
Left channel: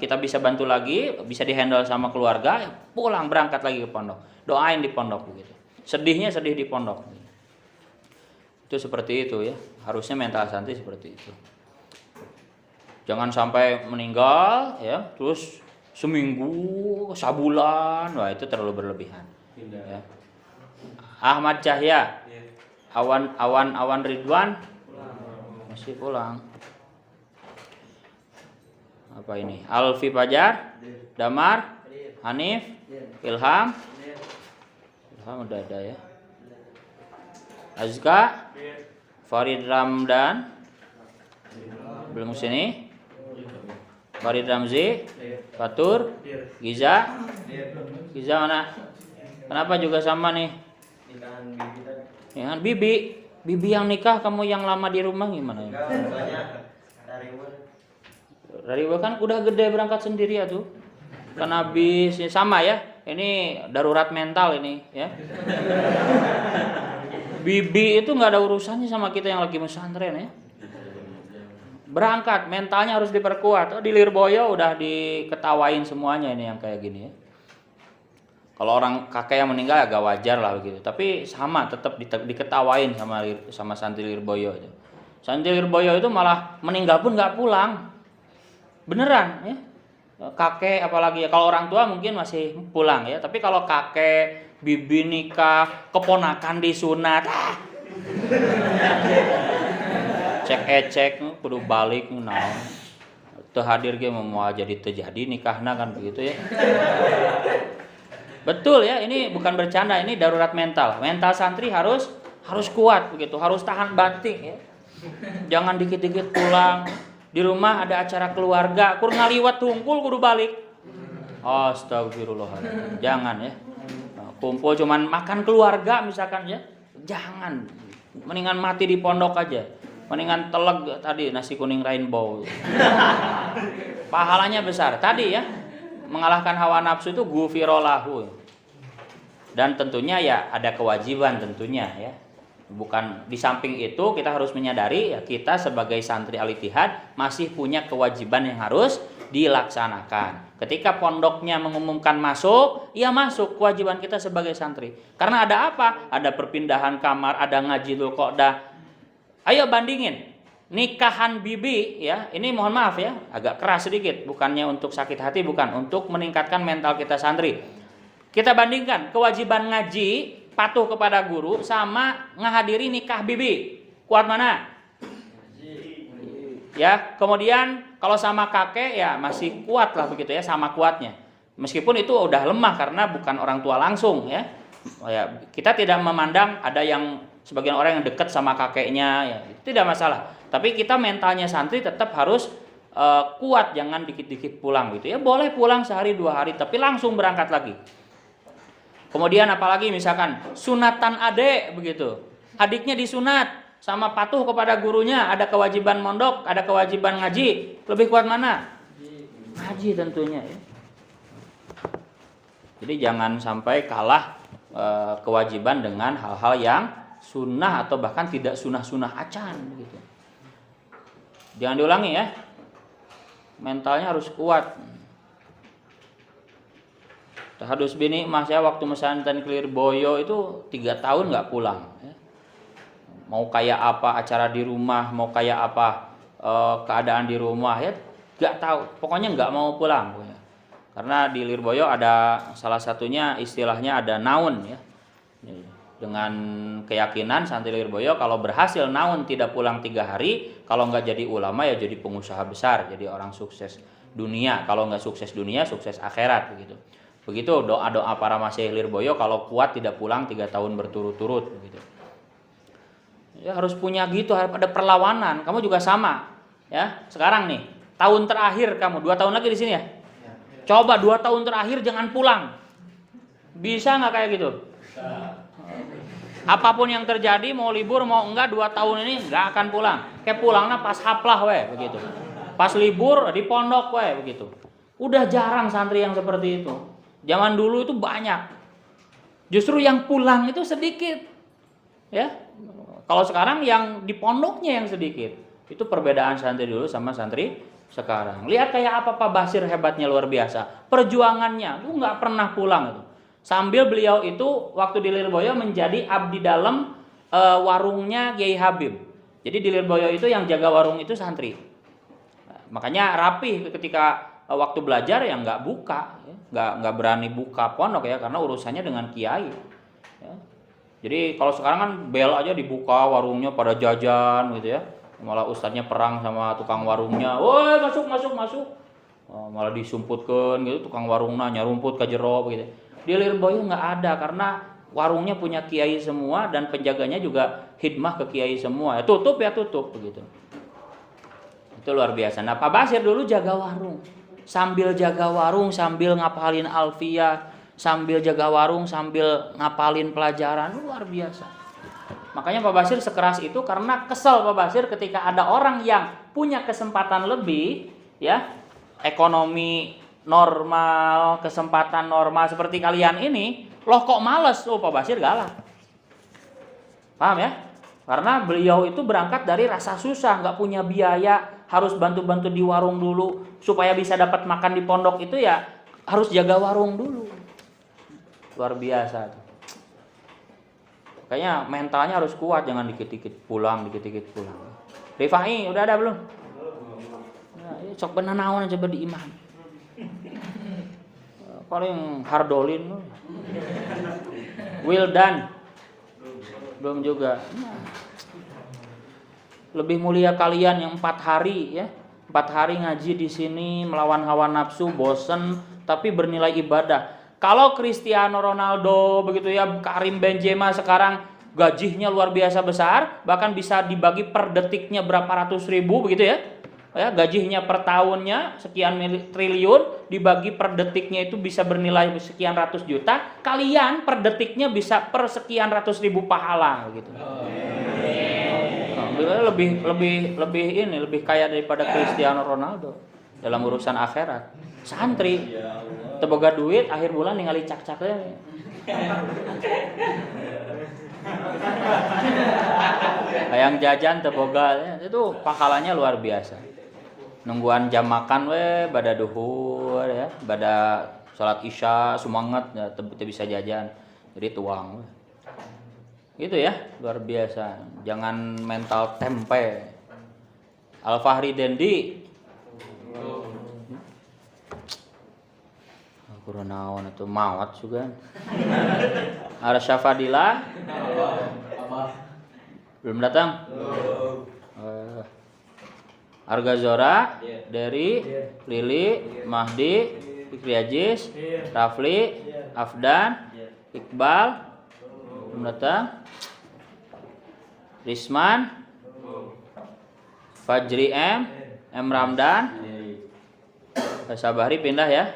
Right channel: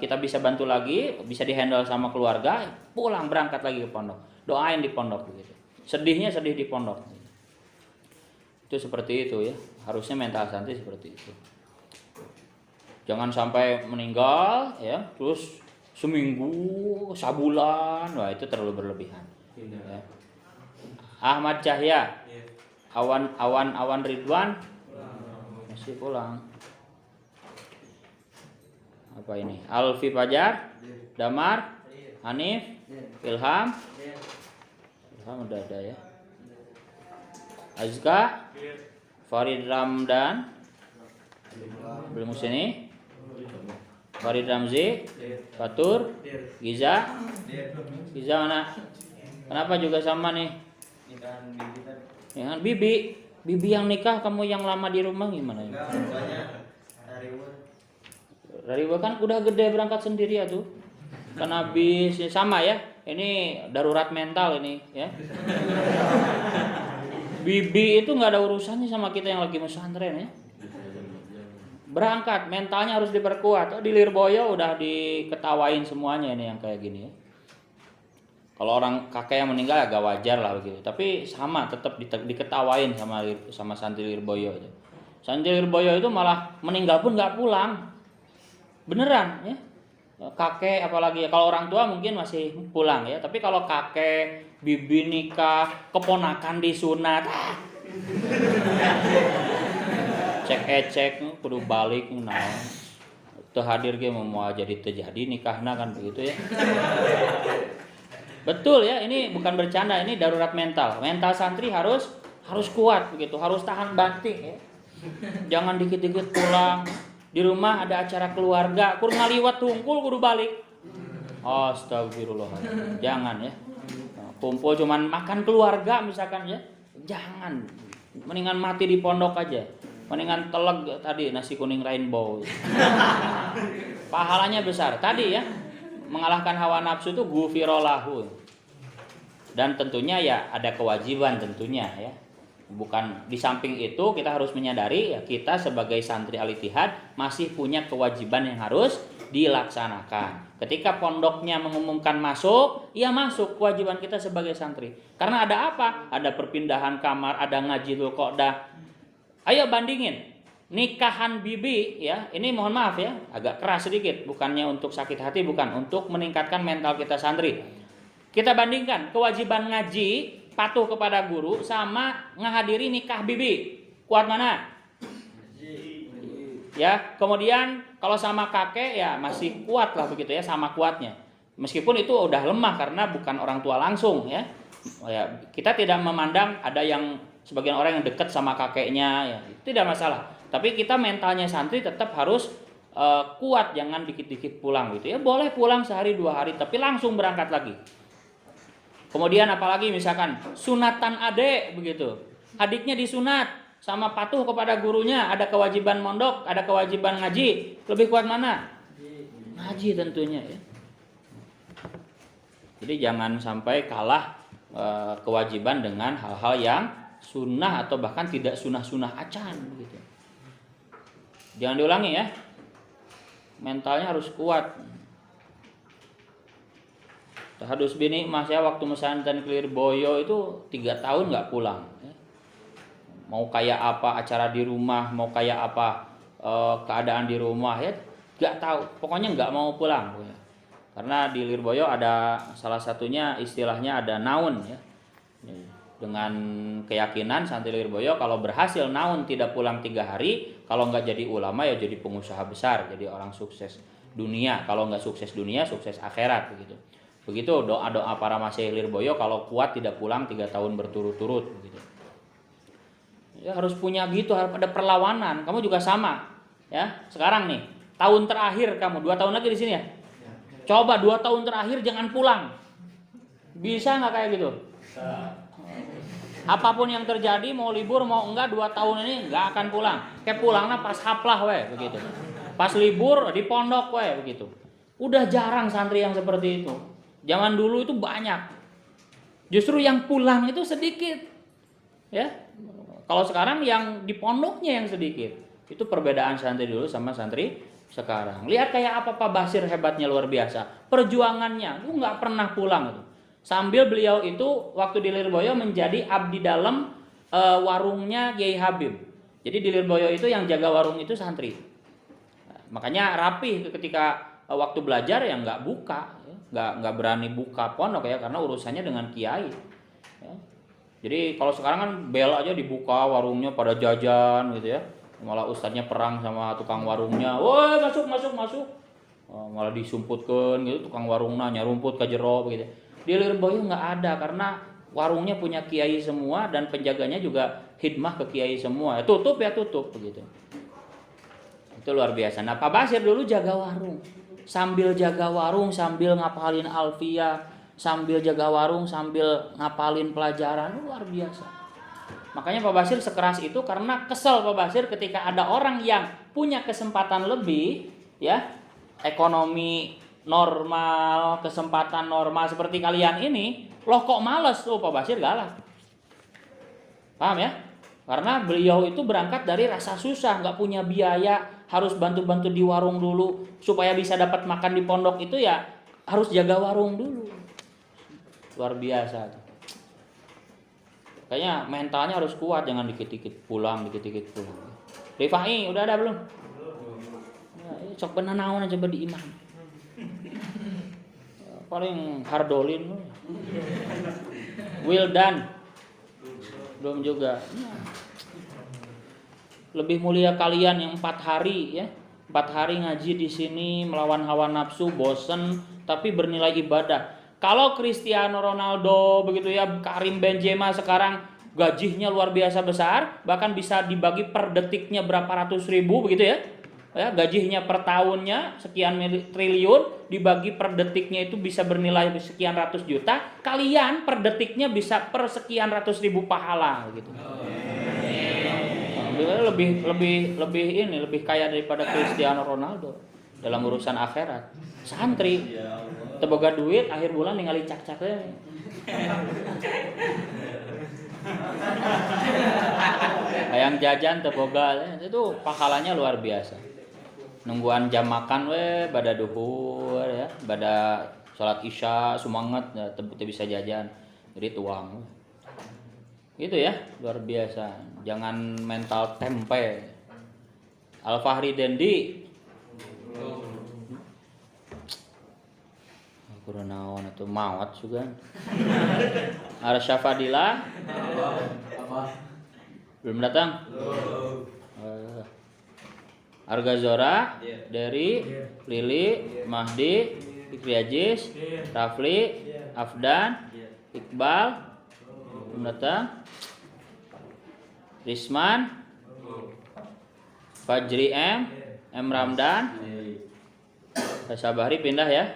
kita bisa bantu lagi, bisa dihandle sama keluarga, pulang berangkat lagi ke pondok, doain di pondok begitu. Sedihnya sedih di pondok. Itu seperti itu ya. Harusnya mental santri seperti itu. Jangan sampai meninggal ya, terus seminggu, sabulan, wah itu terlalu berlebihan. Ya. Ahmad Cahya, Awan Ridwan masih pulang. Apa ini? Alfi Fajar, Damar, Hanif, Ilham udah ada ya. Azka, Farid Ramdan belum sini. Farid Ramzi, Fatur, Giza mana? Kenapa juga sama nih? Dengan Bibi yang nikah, kamu yang lama di rumah gimana? Dari kan udah gede berangkat sendiri ya tuh. Kan habis ya, sama ya. Ini darurat mental ini ya. Bibi itu nggak ada urusannya sama kita yang lagi pesantren ya. Berangkat mentalnya harus diperkuat. Di Lirboyo udah diketawain semuanya ini yang kayak gini ya. Kalau orang kakek yang meninggal agak wajar lah begitu, tapi sama tetap diketawain sama santri Lirboyo itu. Santri Lirboyo itu malah meninggal pun nggak pulang, beneran ya. Kakek apalagi ya, kalau orang tua mungkin masih pulang ya, tapi kalau kakek, bibi nikah, keponakan disunat, cek kudu balik, nah, terhadir ge mau jadi terjadi nikahna kan begitu ya. Betul ya, ini bukan bercanda, ini darurat mental. Mental santri harus kuat begitu, harus tahan banting ya. Jangan dikit-dikit pulang. Di rumah ada acara keluarga, kur ngaliwat tungkul kudu balik. Astagfirullahaladzim. Jangan ya. Kumpul cuman makan keluarga misalkan ya. Jangan. Mendingan mati di pondok aja. Mendingan teleg tadi nasi kuning rainbow. Pahalanya besar. Tadi ya, mengalahkan hawa nafsu itu gufirolahu. Dan tentunya ya ada kewajiban tentunya ya. Bukan di samping itu kita harus menyadari ya, kita sebagai santri Al-Ittihad masih punya kewajiban yang harus dilaksanakan. Ketika pondoknya mengumumkan masuk, ya masuk, kewajiban kita sebagai santri. Karena ada apa? Ada perpindahan kamar, ada ngaji Dzulqa'dah. Ayo bandingin nikahan bibi ya, ini mohon maaf ya, agak keras sedikit, bukannya untuk sakit hati, bukan, untuk meningkatkan mental kita santri. Kita bandingkan kewajiban ngaji, patuh kepada guru, sama ngahadiri nikah bibi. Kuat mana? Ya, kemudian kalau sama kakek ya masih kuat lah begitu ya, sama kuatnya. Meskipun itu udah lemah karena bukan orang tua langsung ya. Ya, kita tidak memandang ada yang sebagian orang yang dekat sama kakeknya ya, itu tidak masalah. Tapi kita mentalnya santri tetap harus kuat, jangan dikit-dikit pulang gitu ya. Boleh pulang sehari 2 hari tapi langsung berangkat lagi. Kemudian apalagi misalkan sunatan adek begitu. Adiknya disunat sama patuh kepada gurunya, ada kewajiban mondok, ada kewajiban ngaji. Lebih kuat mana? Ngaji tentunya ya. Jadi jangan sampai kalah kewajiban dengan hal-hal yang sunnah atau bahkan tidak sunnah-sunnah acan gitu. Jangan diulangi ya. Mentalnya harus kuat. Tahadus bini mas saya waktu pesantren Lirboyo itu 3 tahun nggak pulang. Mau kayak apa acara di rumah, mau kayak apa keadaan di rumah ya nggak tahu. Pokoknya nggak mau pulang. Karena di Lirboyo ada salah satunya istilahnya ada naun ya. Dengan keyakinan santri Lirboyo kalau berhasil naun tidak pulang 3 hari, kalau nggak jadi ulama ya jadi pengusaha besar, jadi orang sukses dunia. Kalau nggak sukses dunia, sukses akhirat begitu. Begitu doa-doa para masyaikh Lirboyo kalau kuat tidak pulang 3 tahun berturut-turut begitu. Ya harus punya gitu, harus ada perlawanan. Kamu juga sama ya. Sekarang nih, tahun terakhir kamu 2 tahun lagi di sini ya. Coba 2 tahun terakhir jangan pulang. Bisa nggak kayak gitu? Apapun yang terjadi, mau libur mau enggak, 2 tahun ini enggak akan pulang. Kayak pulangnya pas haplah we begitu. Pas libur di pondok we begitu. Udah jarang santri yang seperti itu. Zaman dulu itu banyak. Justru yang pulang itu sedikit. Ya. Kalau sekarang yang di pondoknya yang sedikit. Itu perbedaan santri dulu sama santri sekarang. Lihat kayak apa Pak Basir hebatnya luar biasa. Perjuangannya itu enggak pernah pulang itu. Sambil beliau itu waktu di Lirboyo menjadi abdi dalam warungnya Kiai Habib. Jadi di Lirboyo itu yang jaga warung itu santri. Nah, makanya rapih ketika waktu belajar ya nggak buka, ya. nggak berani buka pondok ya karena urusannya dengan kiai. Ya. Jadi kalau sekarang kan bel aja dibuka warungnya pada jajan gitu ya. Malah ustadznya perang sama tukang warungnya. Woi masuk. Malah disumputkan gitu tukang warungnya nyarumput ke jero begitu. Di Lirboyo nggak ada karena warungnya punya kiai semua dan penjaganya juga khidmah ke kiai semua. Tutup begitu. Itu luar biasa. Nah Pak Basir dulu jaga warung. Sambil jaga warung sambil ngapalin alfiyah, sambil jaga warung sambil ngapalin pelajaran, luar biasa. Makanya Pak Basir sekeras itu karena kesel Pak Basir ketika ada orang yang punya kesempatan lebih ya, ekonomi normal, kesempatan normal seperti kalian ini, loh kok males? Oh Pak Basir galak. Paham ya? Karena beliau itu berangkat dari rasa susah, nggak punya biaya, harus bantu-bantu di warung dulu supaya bisa dapat makan di pondok itu ya harus jaga warung dulu. Luar biasa tuh. Kayaknya mentalnya harus kuat, jangan dikit-dikit pulang, dikit-dikit pulang. Rifai udah ada belum? Ya, sok bener naon coba di iman. Paling Hardolin. Wildan belum juga. Lebih mulia kalian yang 4 hari ya. 4 hari ngaji di sini melawan hawa nafsu, bosen tapi bernilai ibadah. Kalau Cristiano Ronaldo begitu ya, Karim Benzema sekarang gajinya luar biasa besar, bahkan bisa dibagi per detiknya berapa ratus ribu begitu ya. Ya, gajinya per tahunnya sekian triliun, dibagi per detiknya itu bisa bernilai sekian ratus juta. Kalian per detiknya bisa per sekian ratus ribu pahala gitu. Lebih kaya daripada Cristiano Ronaldo dalam urusan akhirat. Santri teboga duit akhir bulan ningali cak-cak teh. Hayang jajan teboga itu pahalanya luar biasa. Nungguan jam makan bada duhur ya, bada salat isya semangat ya, teu bisa jajan. Jadi tuang. Gitu ya, luar biasa. Jangan mental tempe. Al-Fahri Dendi. Aku naon atuh mawat juga. Arsya Fadila. Belum datang? Arga Zora, Dery, Lili, Mahdi, Fikri Aziz, Rafli, Afdan, Iqbal, belum datang. Risman, Fajri M Ramdan, Sabari pindah ya.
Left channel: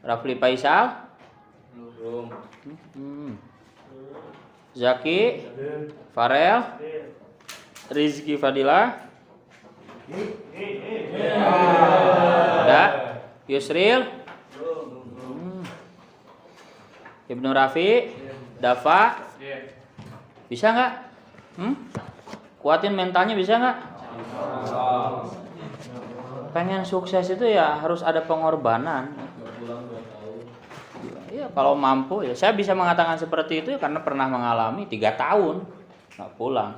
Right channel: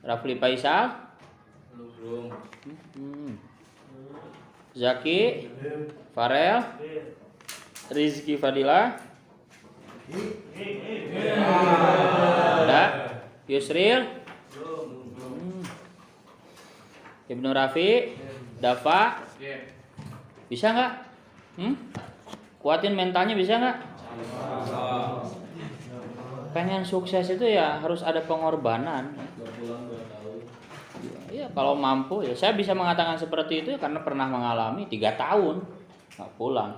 Rafli Faisal, Zaki, Farel, Rizky Fadila. Ada Yusril, Ibnu Rafi, Dafa, bisa nggak? Kuatin mentalnya bisa nggak? Pengen sukses itu ya harus ada pengorbanan. Ya kalau mampu ya saya bisa mengatakan seperti itu karena pernah mengalami 3 tahun nggak pulang.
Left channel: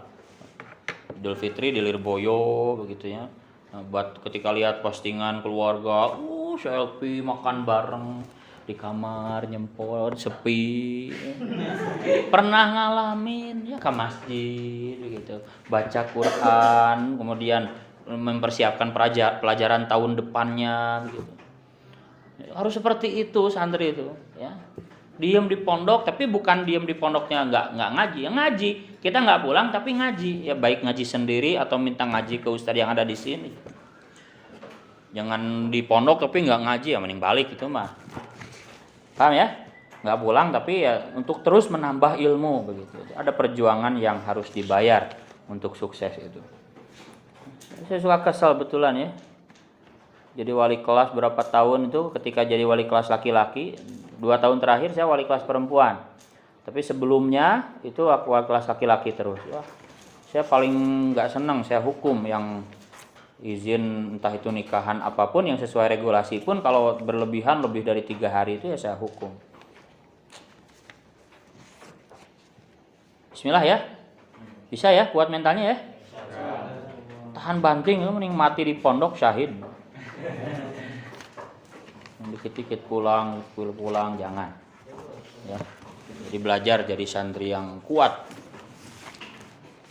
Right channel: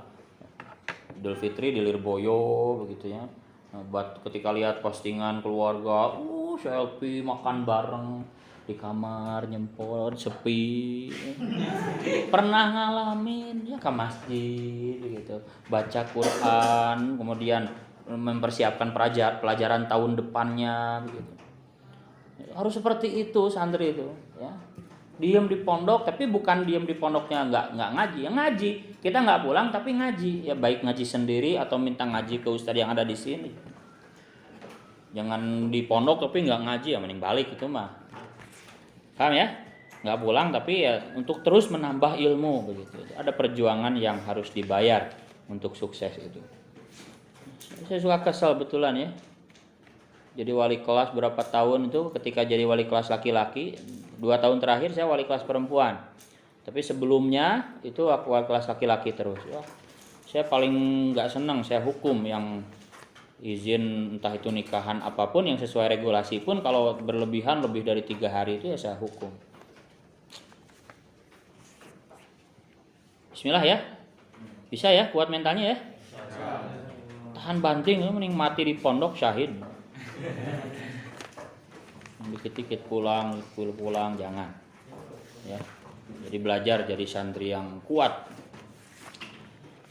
Idul Fitri di Lirboyo begitu ya. Nah, buat ketika lihat postingan keluarga, selfie makan bareng di kamar nyempol sepi. Pernah ngalamin ya ke masjid gitu, baca Quran, kemudian mempersiapkan pelajaran tahun depannya begitu. Harus seperti itu santri itu ya. Diem di pondok tapi bukan diem di pondoknya nggak ngaji, ya ngaji. Kita nggak pulang tapi ngaji, ya baik ngaji sendiri atau minta ngaji ke ustadz yang ada di sini. Jangan di pondok tapi nggak ngaji, ya mending balik itu mah. Paham ya? Nggak pulang tapi ya untuk terus menambah ilmu begitu. Ada perjuangan yang harus dibayar untuk sukses itu. Saya suka kesal betulan ya. Jadi wali kelas berapa tahun itu ketika jadi wali kelas laki-laki, 2 tahun terakhir saya wali kelas perempuan. Tapi sebelumnya itu aku wali kelas laki-laki terus. Wah, saya paling nggak senang saya hukum yang izin entah itu nikahan apapun yang sesuai regulasi pun kalau berlebihan lebih dari 3 hari itu ya saya hukum. Bismillah ya. Bisa ya kuat mentalnya ya. Tahan banting mending mati di pondok syahid. Dikit-dikit pulang jangan ya. Jadi belajar jadi santri yang kuat.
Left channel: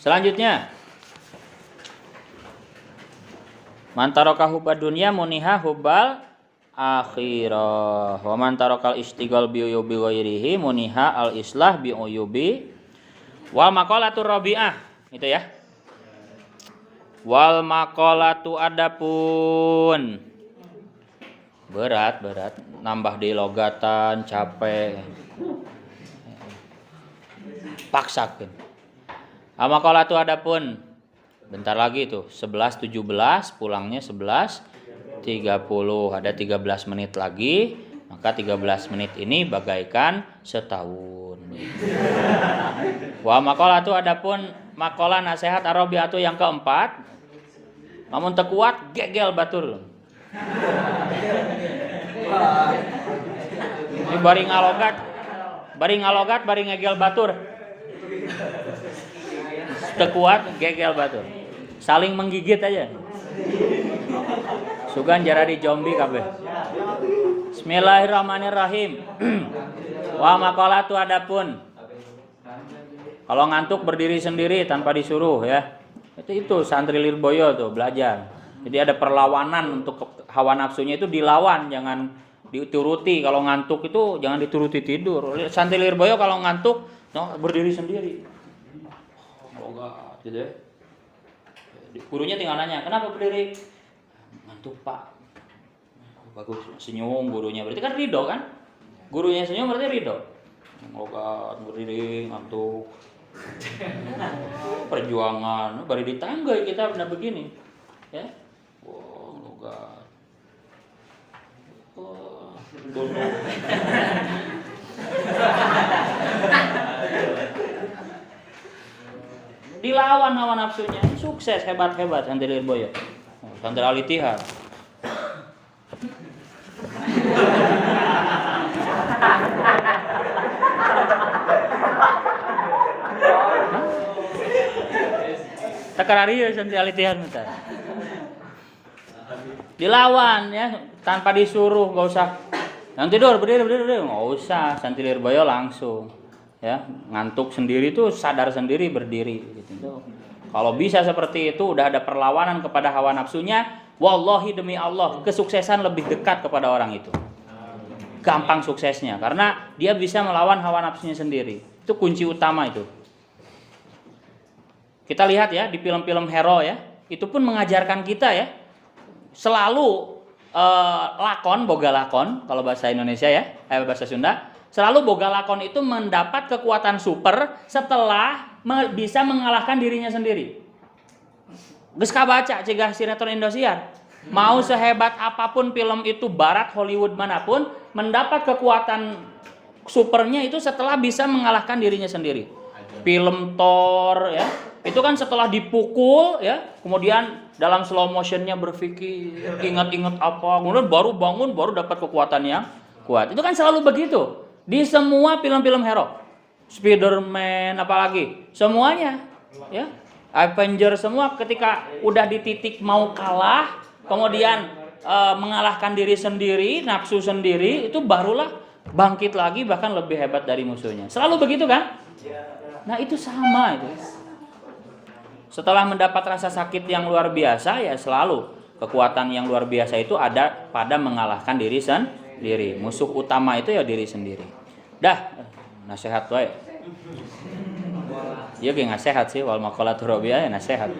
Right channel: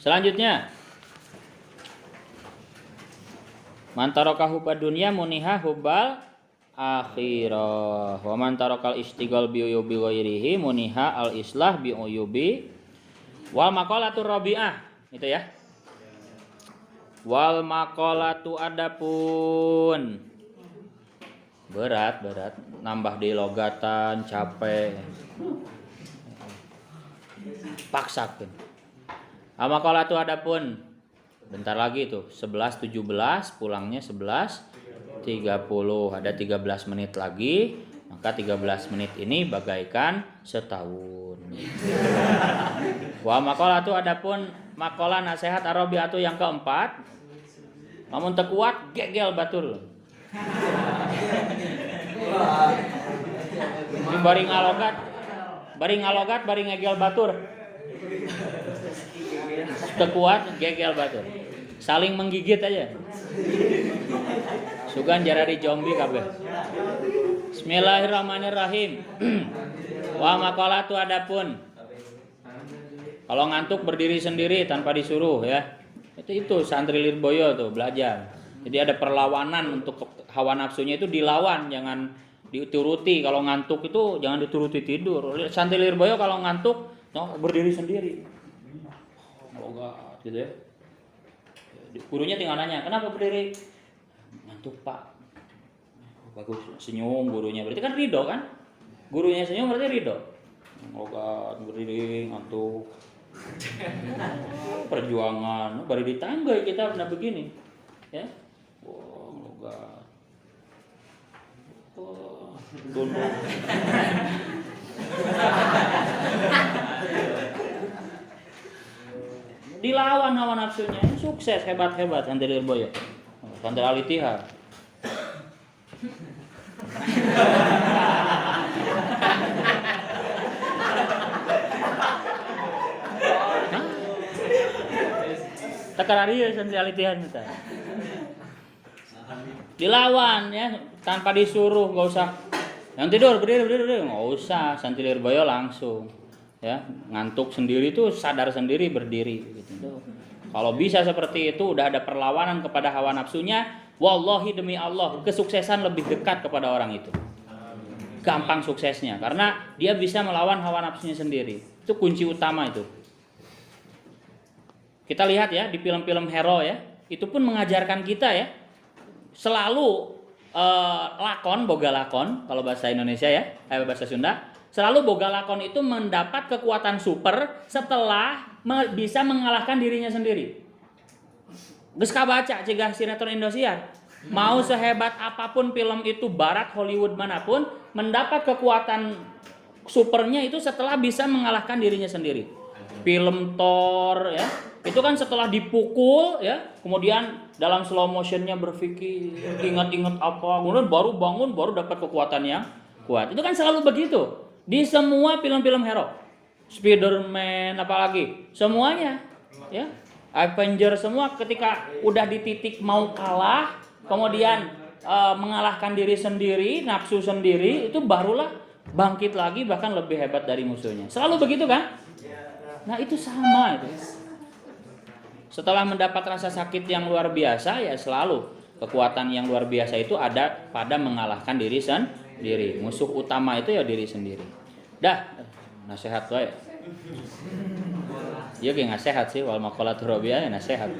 Selanjutnya man taraka hubbad dunya muniha hubbal akhirah wa man tarakal istighal bi uyubi ghairihi muniha al islah bi uyubi wal maqalatur rabi'ah itu ya. Wal maqalatu adapun berat nambah di logatan capek paksakeun. Maqalatu adapun bentar lagi tuh 11.17 pulangnya 11.30 ada 13 menit lagi maka 13 menit ini bagaikan setahun. Wa maqalatu adapun maqalah nasihat arabiatu yang keempat, namun tekuat gegel batur. Ini bari ngalogat bari ngegel batur. Tekuat gegel batur. Saling menggigit aja. Sugan jarari zombie kabeh. Bismillahirrahmanirrahim. Wa maqalatu adapun kalau ngantuk berdiri sendiri tanpa disuruh ya. Itu santri Lirboyo tuh belajar. Jadi ada perlawanan untuk hawa nafsunya itu dilawan, jangan dituruti. Kalau ngantuk itu jangan dituruti tidur. Santri Lirboyo kalau ngantuk berdiri sendiri. Gitu ya. Gurunya tinggal nanya, "Kenapa berdiri?" "Ngantuk, Pak." Bagus, senyum gurunya. Berarti kan ridho kan? Gurunya senyum berarti ridho. Ngogat, berdiri, ngantuk. Perjuangan, bari di tangga kita pernah begini. Ya. Wah, ngogat. Wah, duduk. Dilawan hawa nafsunya, sukses hebat-hebat santri Lirboyo. Santri Al-Ittihad. Tekarari santri Al-Ittihad minta. Dilawan ya, tanpa disuruh, enggak usah. Yang tidur berdiri, enggak usah. Santri Lirboyo langsung. Ya, ngantuk sendiri tuh sadar sendiri berdiri gitu. Kalau bisa seperti itu udah ada perlawanan kepada hawa nafsunya, wallahi demi Allah, kesuksesan lebih dekat kepada orang itu. Gampang suksesnya karena dia bisa melawan hawa nafsunya sendiri. Itu kunci utama itu. Kita lihat ya di film-film hero ya, itu pun mengajarkan kita ya. Selalu boga lakon kalau bahasa Indonesia ya, bahasa Sunda. Selalu boga lakon itu mendapat kekuatan super setelah bisa mengalahkan dirinya sendiri. Geus kabaca cegah sinetron Indosiar. Mau sehebat apapun film itu barat Hollywood manapun, mendapat kekuatan supernya itu setelah bisa mengalahkan dirinya sendiri. Film Thor ya, itu kan setelah dipukul ya, kemudian dalam slow motionnya berpikir, ingat-ingat apa, kemudian baru bangun, baru dapat kekuatan yang kuat. Itu kan selalu begitu. Di semua film-film hero, Spider-Man apalagi, semuanya, ya, Avenger semua ketika udah di titik mau kalah, kemudian mengalahkan diri sendiri, nafsu sendiri, itu barulah bangkit lagi bahkan lebih hebat dari musuhnya. Selalu begitu kan? Nah itu sama itu. Setelah mendapat rasa sakit yang luar biasa ya selalu kekuatan yang luar biasa itu ada pada mengalahkan diri sendiri. Musuh utama itu ya diri sendiri. Dah, nasihat wae. Ieu ge nasihat sih wal maqalatu rabi'ah nasihat.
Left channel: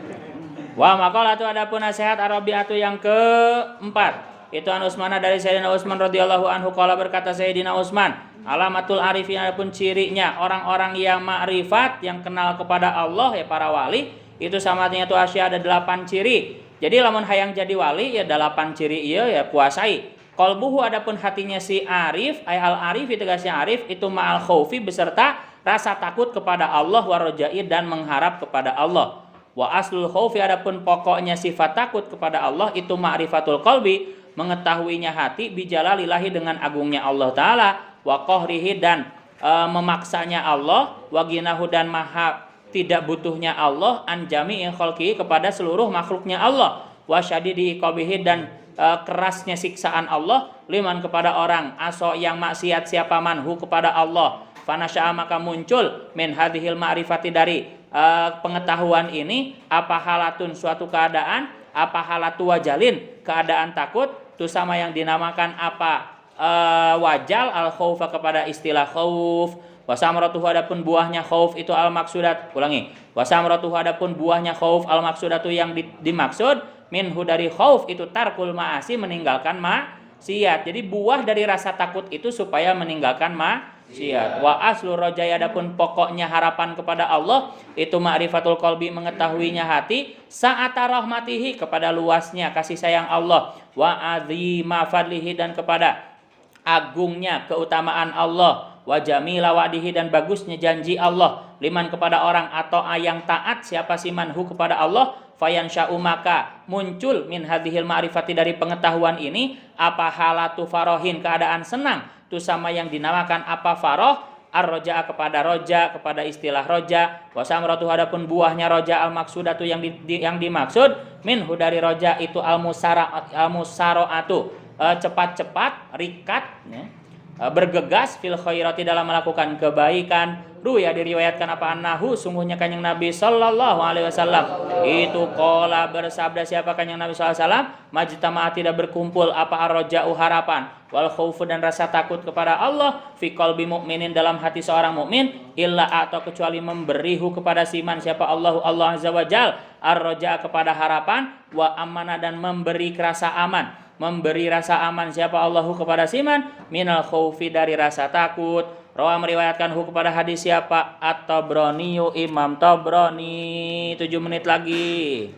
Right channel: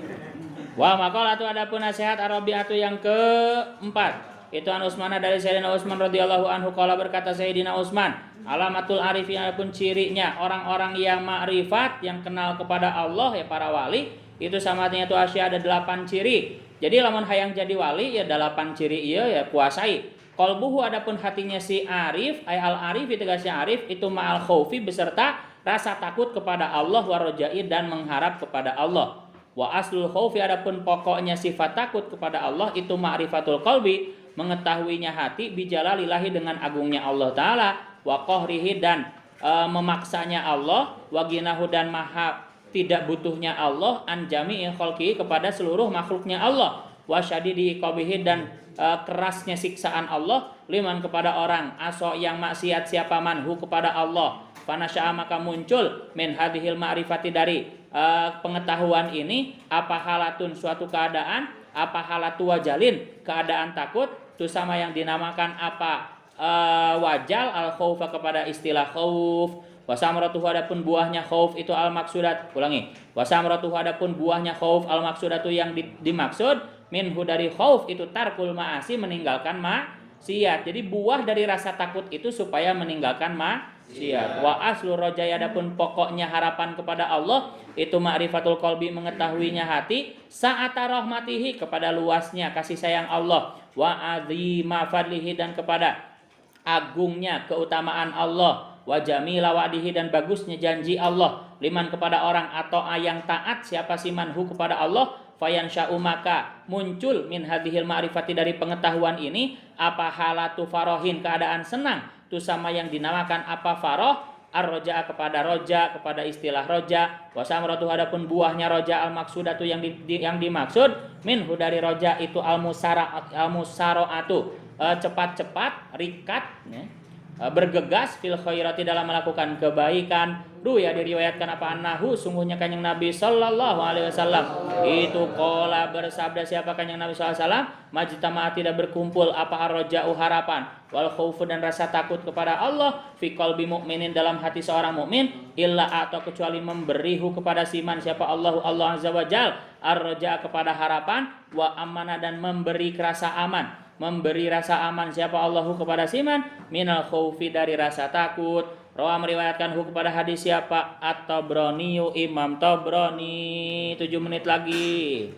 Wa maqalatu adapun nasihat arabiatu yang keempat. Itu an Utsman dari Sayyidina Utsman radhiyallahu anhu qala berkata Sayyidina Utsman, alamatul arifin adapun cirinya orang-orang yang ma'rifat yang kenal kepada Allah ya para wali, itu samanya itu asya ada 8 ciri. Jadi lamun hayang jadi wali ya 8 ciri ieu ya kuasai. Qalbuhu adapun hatinya si arif, ay al arif itu gasnya arif itu ma'al khaufi beserta rasa takut kepada Allah wa rajai dan mengharap kepada Allah. Wa aslul khaufi adapun pokoknya sifat takut kepada Allah itu ma'rifatul qalbi, mengetahuinya hati bijalalillahi dengan agungnya Allah taala, wa qahrihi dan memaksanya Allah, wa ginahu dan maha tidak butuhnya Allah an jami'il khalqi kepada seluruh makhluknya Allah, wa syadidi qabihi dan kerasnya siksaan Allah liman kepada orang aso yang maksiat siapa manhu kepada Allah. Fanasya'a maka muncul min hadhil ma'rifati dari pengetahuan ini apa halatun suatu keadaan, apa halatu wajalin keadaan takut itu sama yang dinamakan apa wajal al khaufa kepada istilah khauf. Wasamratuhu adapun buahnya khauf itu al maksudat. Ulangi. Wasamratuhu adapun buahnya khauf al maksudatu yang dimaksud minhu dari khauf itu tarkul ma'asi meninggalkan maksiat. Jadi buah dari rasa takut itu supaya meninggalkan maksiat. Wa aslu rajai adapun pokoknya harapan kepada Allah itu ma'rifatul qalbi mengetahuinya hati sa'ata rahmatihi kepada luasnya kasih sayang Allah wa azima fadlihi dan kepada agungnya keutamaan Allah wa jamila wa'dihi dan bagusnya janji Allah liman kepada orang atau yang taat siapa si manhu kepada Allah fayansya'u maka muncul min hadhil ma'rifati dari pengetahuan ini apa halatu farohin keadaan senang tu sama yang dinamakan apa faroh ar-roja kepada istilah roja wa samratu adapun buahnya roja al-maksudatu yang dimaksud minhu dari roja itu al-musaraatu cepat-cepat rikat ya, bergegas fil khairati dalam melakukan kebaikan. Ruya diriwayatkan apa annahu sungguhnya kanjeng Nabi sallallahu alaihi wasallam itu qala bersabda siapa kanjeng Nabi sallallahu alaihi wasallam majtama'a tidak berkumpul apa ar-raja'u harapan wal khaufu dan rasa takut kepada Allah fi qalbi mukminin dalam hati seorang mukmin illa atau kecuali memberihu kepada siman siapa Allah azza wajal ar-raja' kepada harapan wa amana dan memberi rasa aman siapa Allahu kepada siman minal khaufi dari rasa takut. Rawa meriwayatkan kepada hadis siapa At-Tabrani Imam Tabrani 7 menit lagi.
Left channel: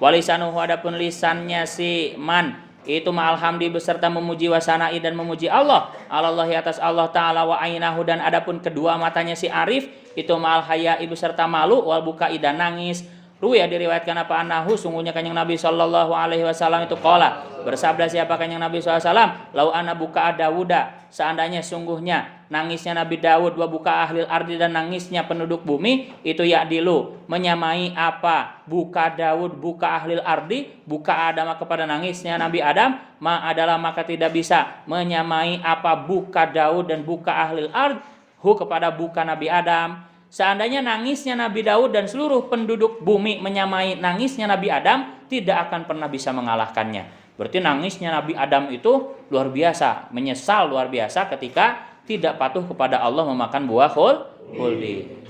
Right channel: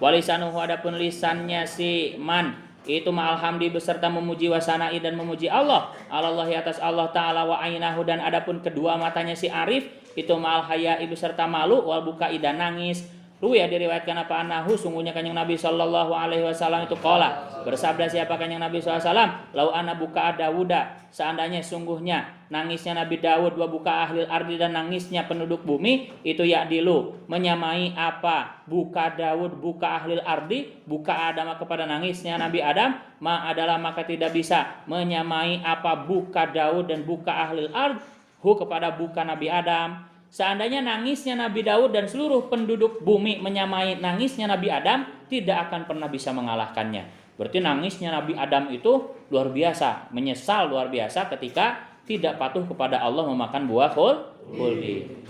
Walisanuhu adapun lisannya si man itu ma'al hamdi beserta memuji wasanai dan memuji Allah atas Allah taala wa ainahu dan adapun kedua matanya si arif itu ma'al haya'i beserta malu wal bukai dan nangis. Ruya diriwayatkan apa anahu sungguhnya kanjeng Nabi sallallahu alaihi wasallam itu qala bersabda siapa kanjeng Nabi sallallahu alaihi wasallam lau ana buka Dawuda seandainya sungguhnya nangisnya Nabi Daud wa buka ahlil ardi dan nangisnya penduduk bumi itu ya'dilu menyamai apa buka Daud buka ahlil ardi buka Adam kepada nangisnya Nabi Adam adalah maka tidak bisa menyamai apa buka Daud dan buka ahlil ardi kepada buka Nabi Adam. Seandainya nangisnya Nabi Daud dan seluruh penduduk bumi menyamai nangisnya Nabi Adam, tidak akan pernah bisa mengalahkannya. Berarti nangisnya Nabi Adam itu luar biasa, menyesal luar biasa ketika tidak patuh kepada Allah memakan buah khuldi.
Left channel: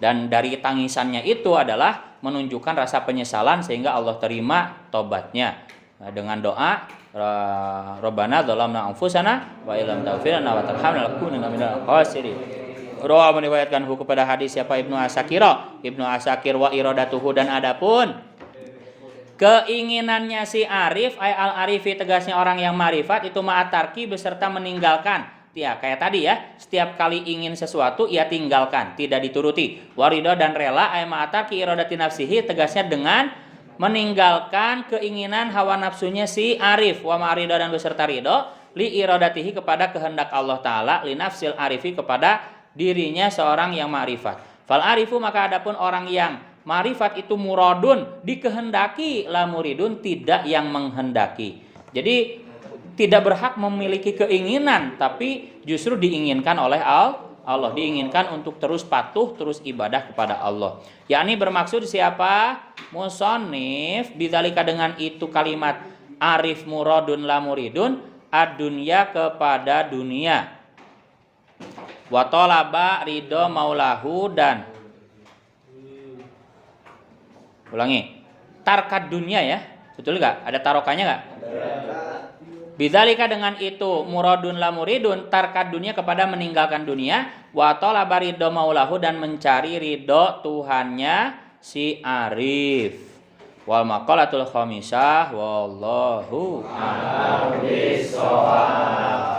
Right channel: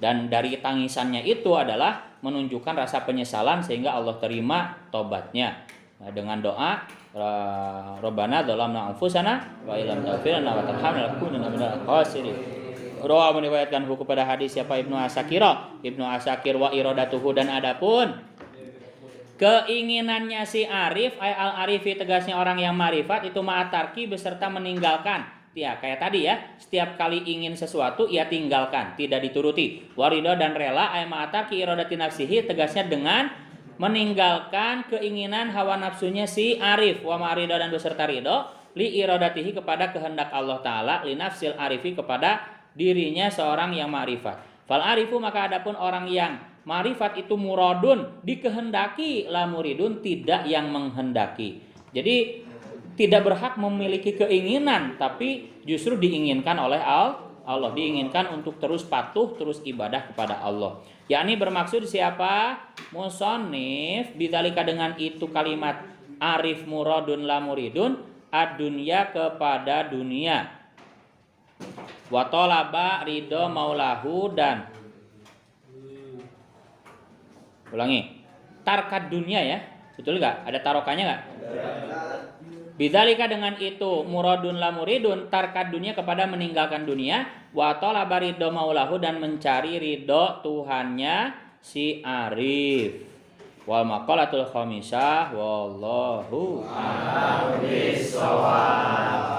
Dan dari tangisannya itu adalah menunjukkan rasa penyesalan sehingga Allah terima tobatnya. Dengan doa Rabbana dzalamna anfusana wa illam taghfir lana wa tarhamna lanakunanna minal khasirin. Rawa meriwayatkan kepada hadis siapa Ibnu Asakir wa iradatuhu dan adapun keinginannya si arif al arifi tegasnya orang yang marifat itu ma'atarki beserta meninggalkan ya kayak tadi ya setiap kali ingin sesuatu ia tinggalkan tidak dituruti warido dan rela ma'atarki iradati nafsihi tegasnya dengan meninggalkan keinginan hawa nafsunya si arif wa ma'rido dan beserta ridho li iradatihi kepada kehendak Allah taala li nafsil arifi kepada dirinya seorang yang ma'rifat. Fal arifu maka adapun orang yang ma'rifat itu muradun dikehendaki la muridun tidak yang menghendaki. Jadi tidak berhak memiliki keinginan tapi justru diinginkan oleh Allah diinginkan untuk terus patuh terus ibadah kepada Allah. Yakni bermaksud siapa? Musannif bidzalika dengan itu kalimat arif muradun la muridun ad-dunya kepada dunia. Wa talaba ridho maulahu dan ulangi tarkad dunia ya betul gak? Ada tarokannya gak? Bidzalika dengan itu muradun la muridun tarkad dunia kepada meninggalkan dunia wa talaba ridho maulahu dan mencari ridho Tuhannya si arif. Wal maqalatul khamisah wallahu a'lam bissawab.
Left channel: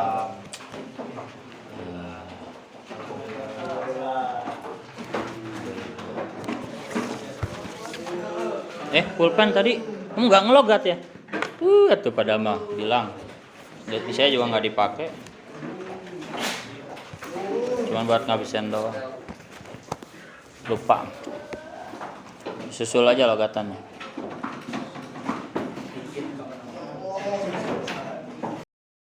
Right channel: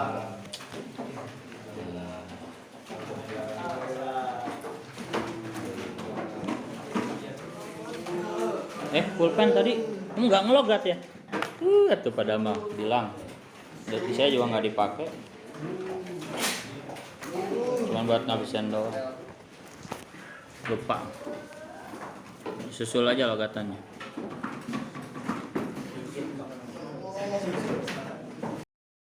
Pulpen tadi kamu nggak ngelogat ya? Tuh pada mah bilang. Jadi saya juga nggak dipakai. Cuma buat ngabisin doang. Lupa. Susul aja logatannya.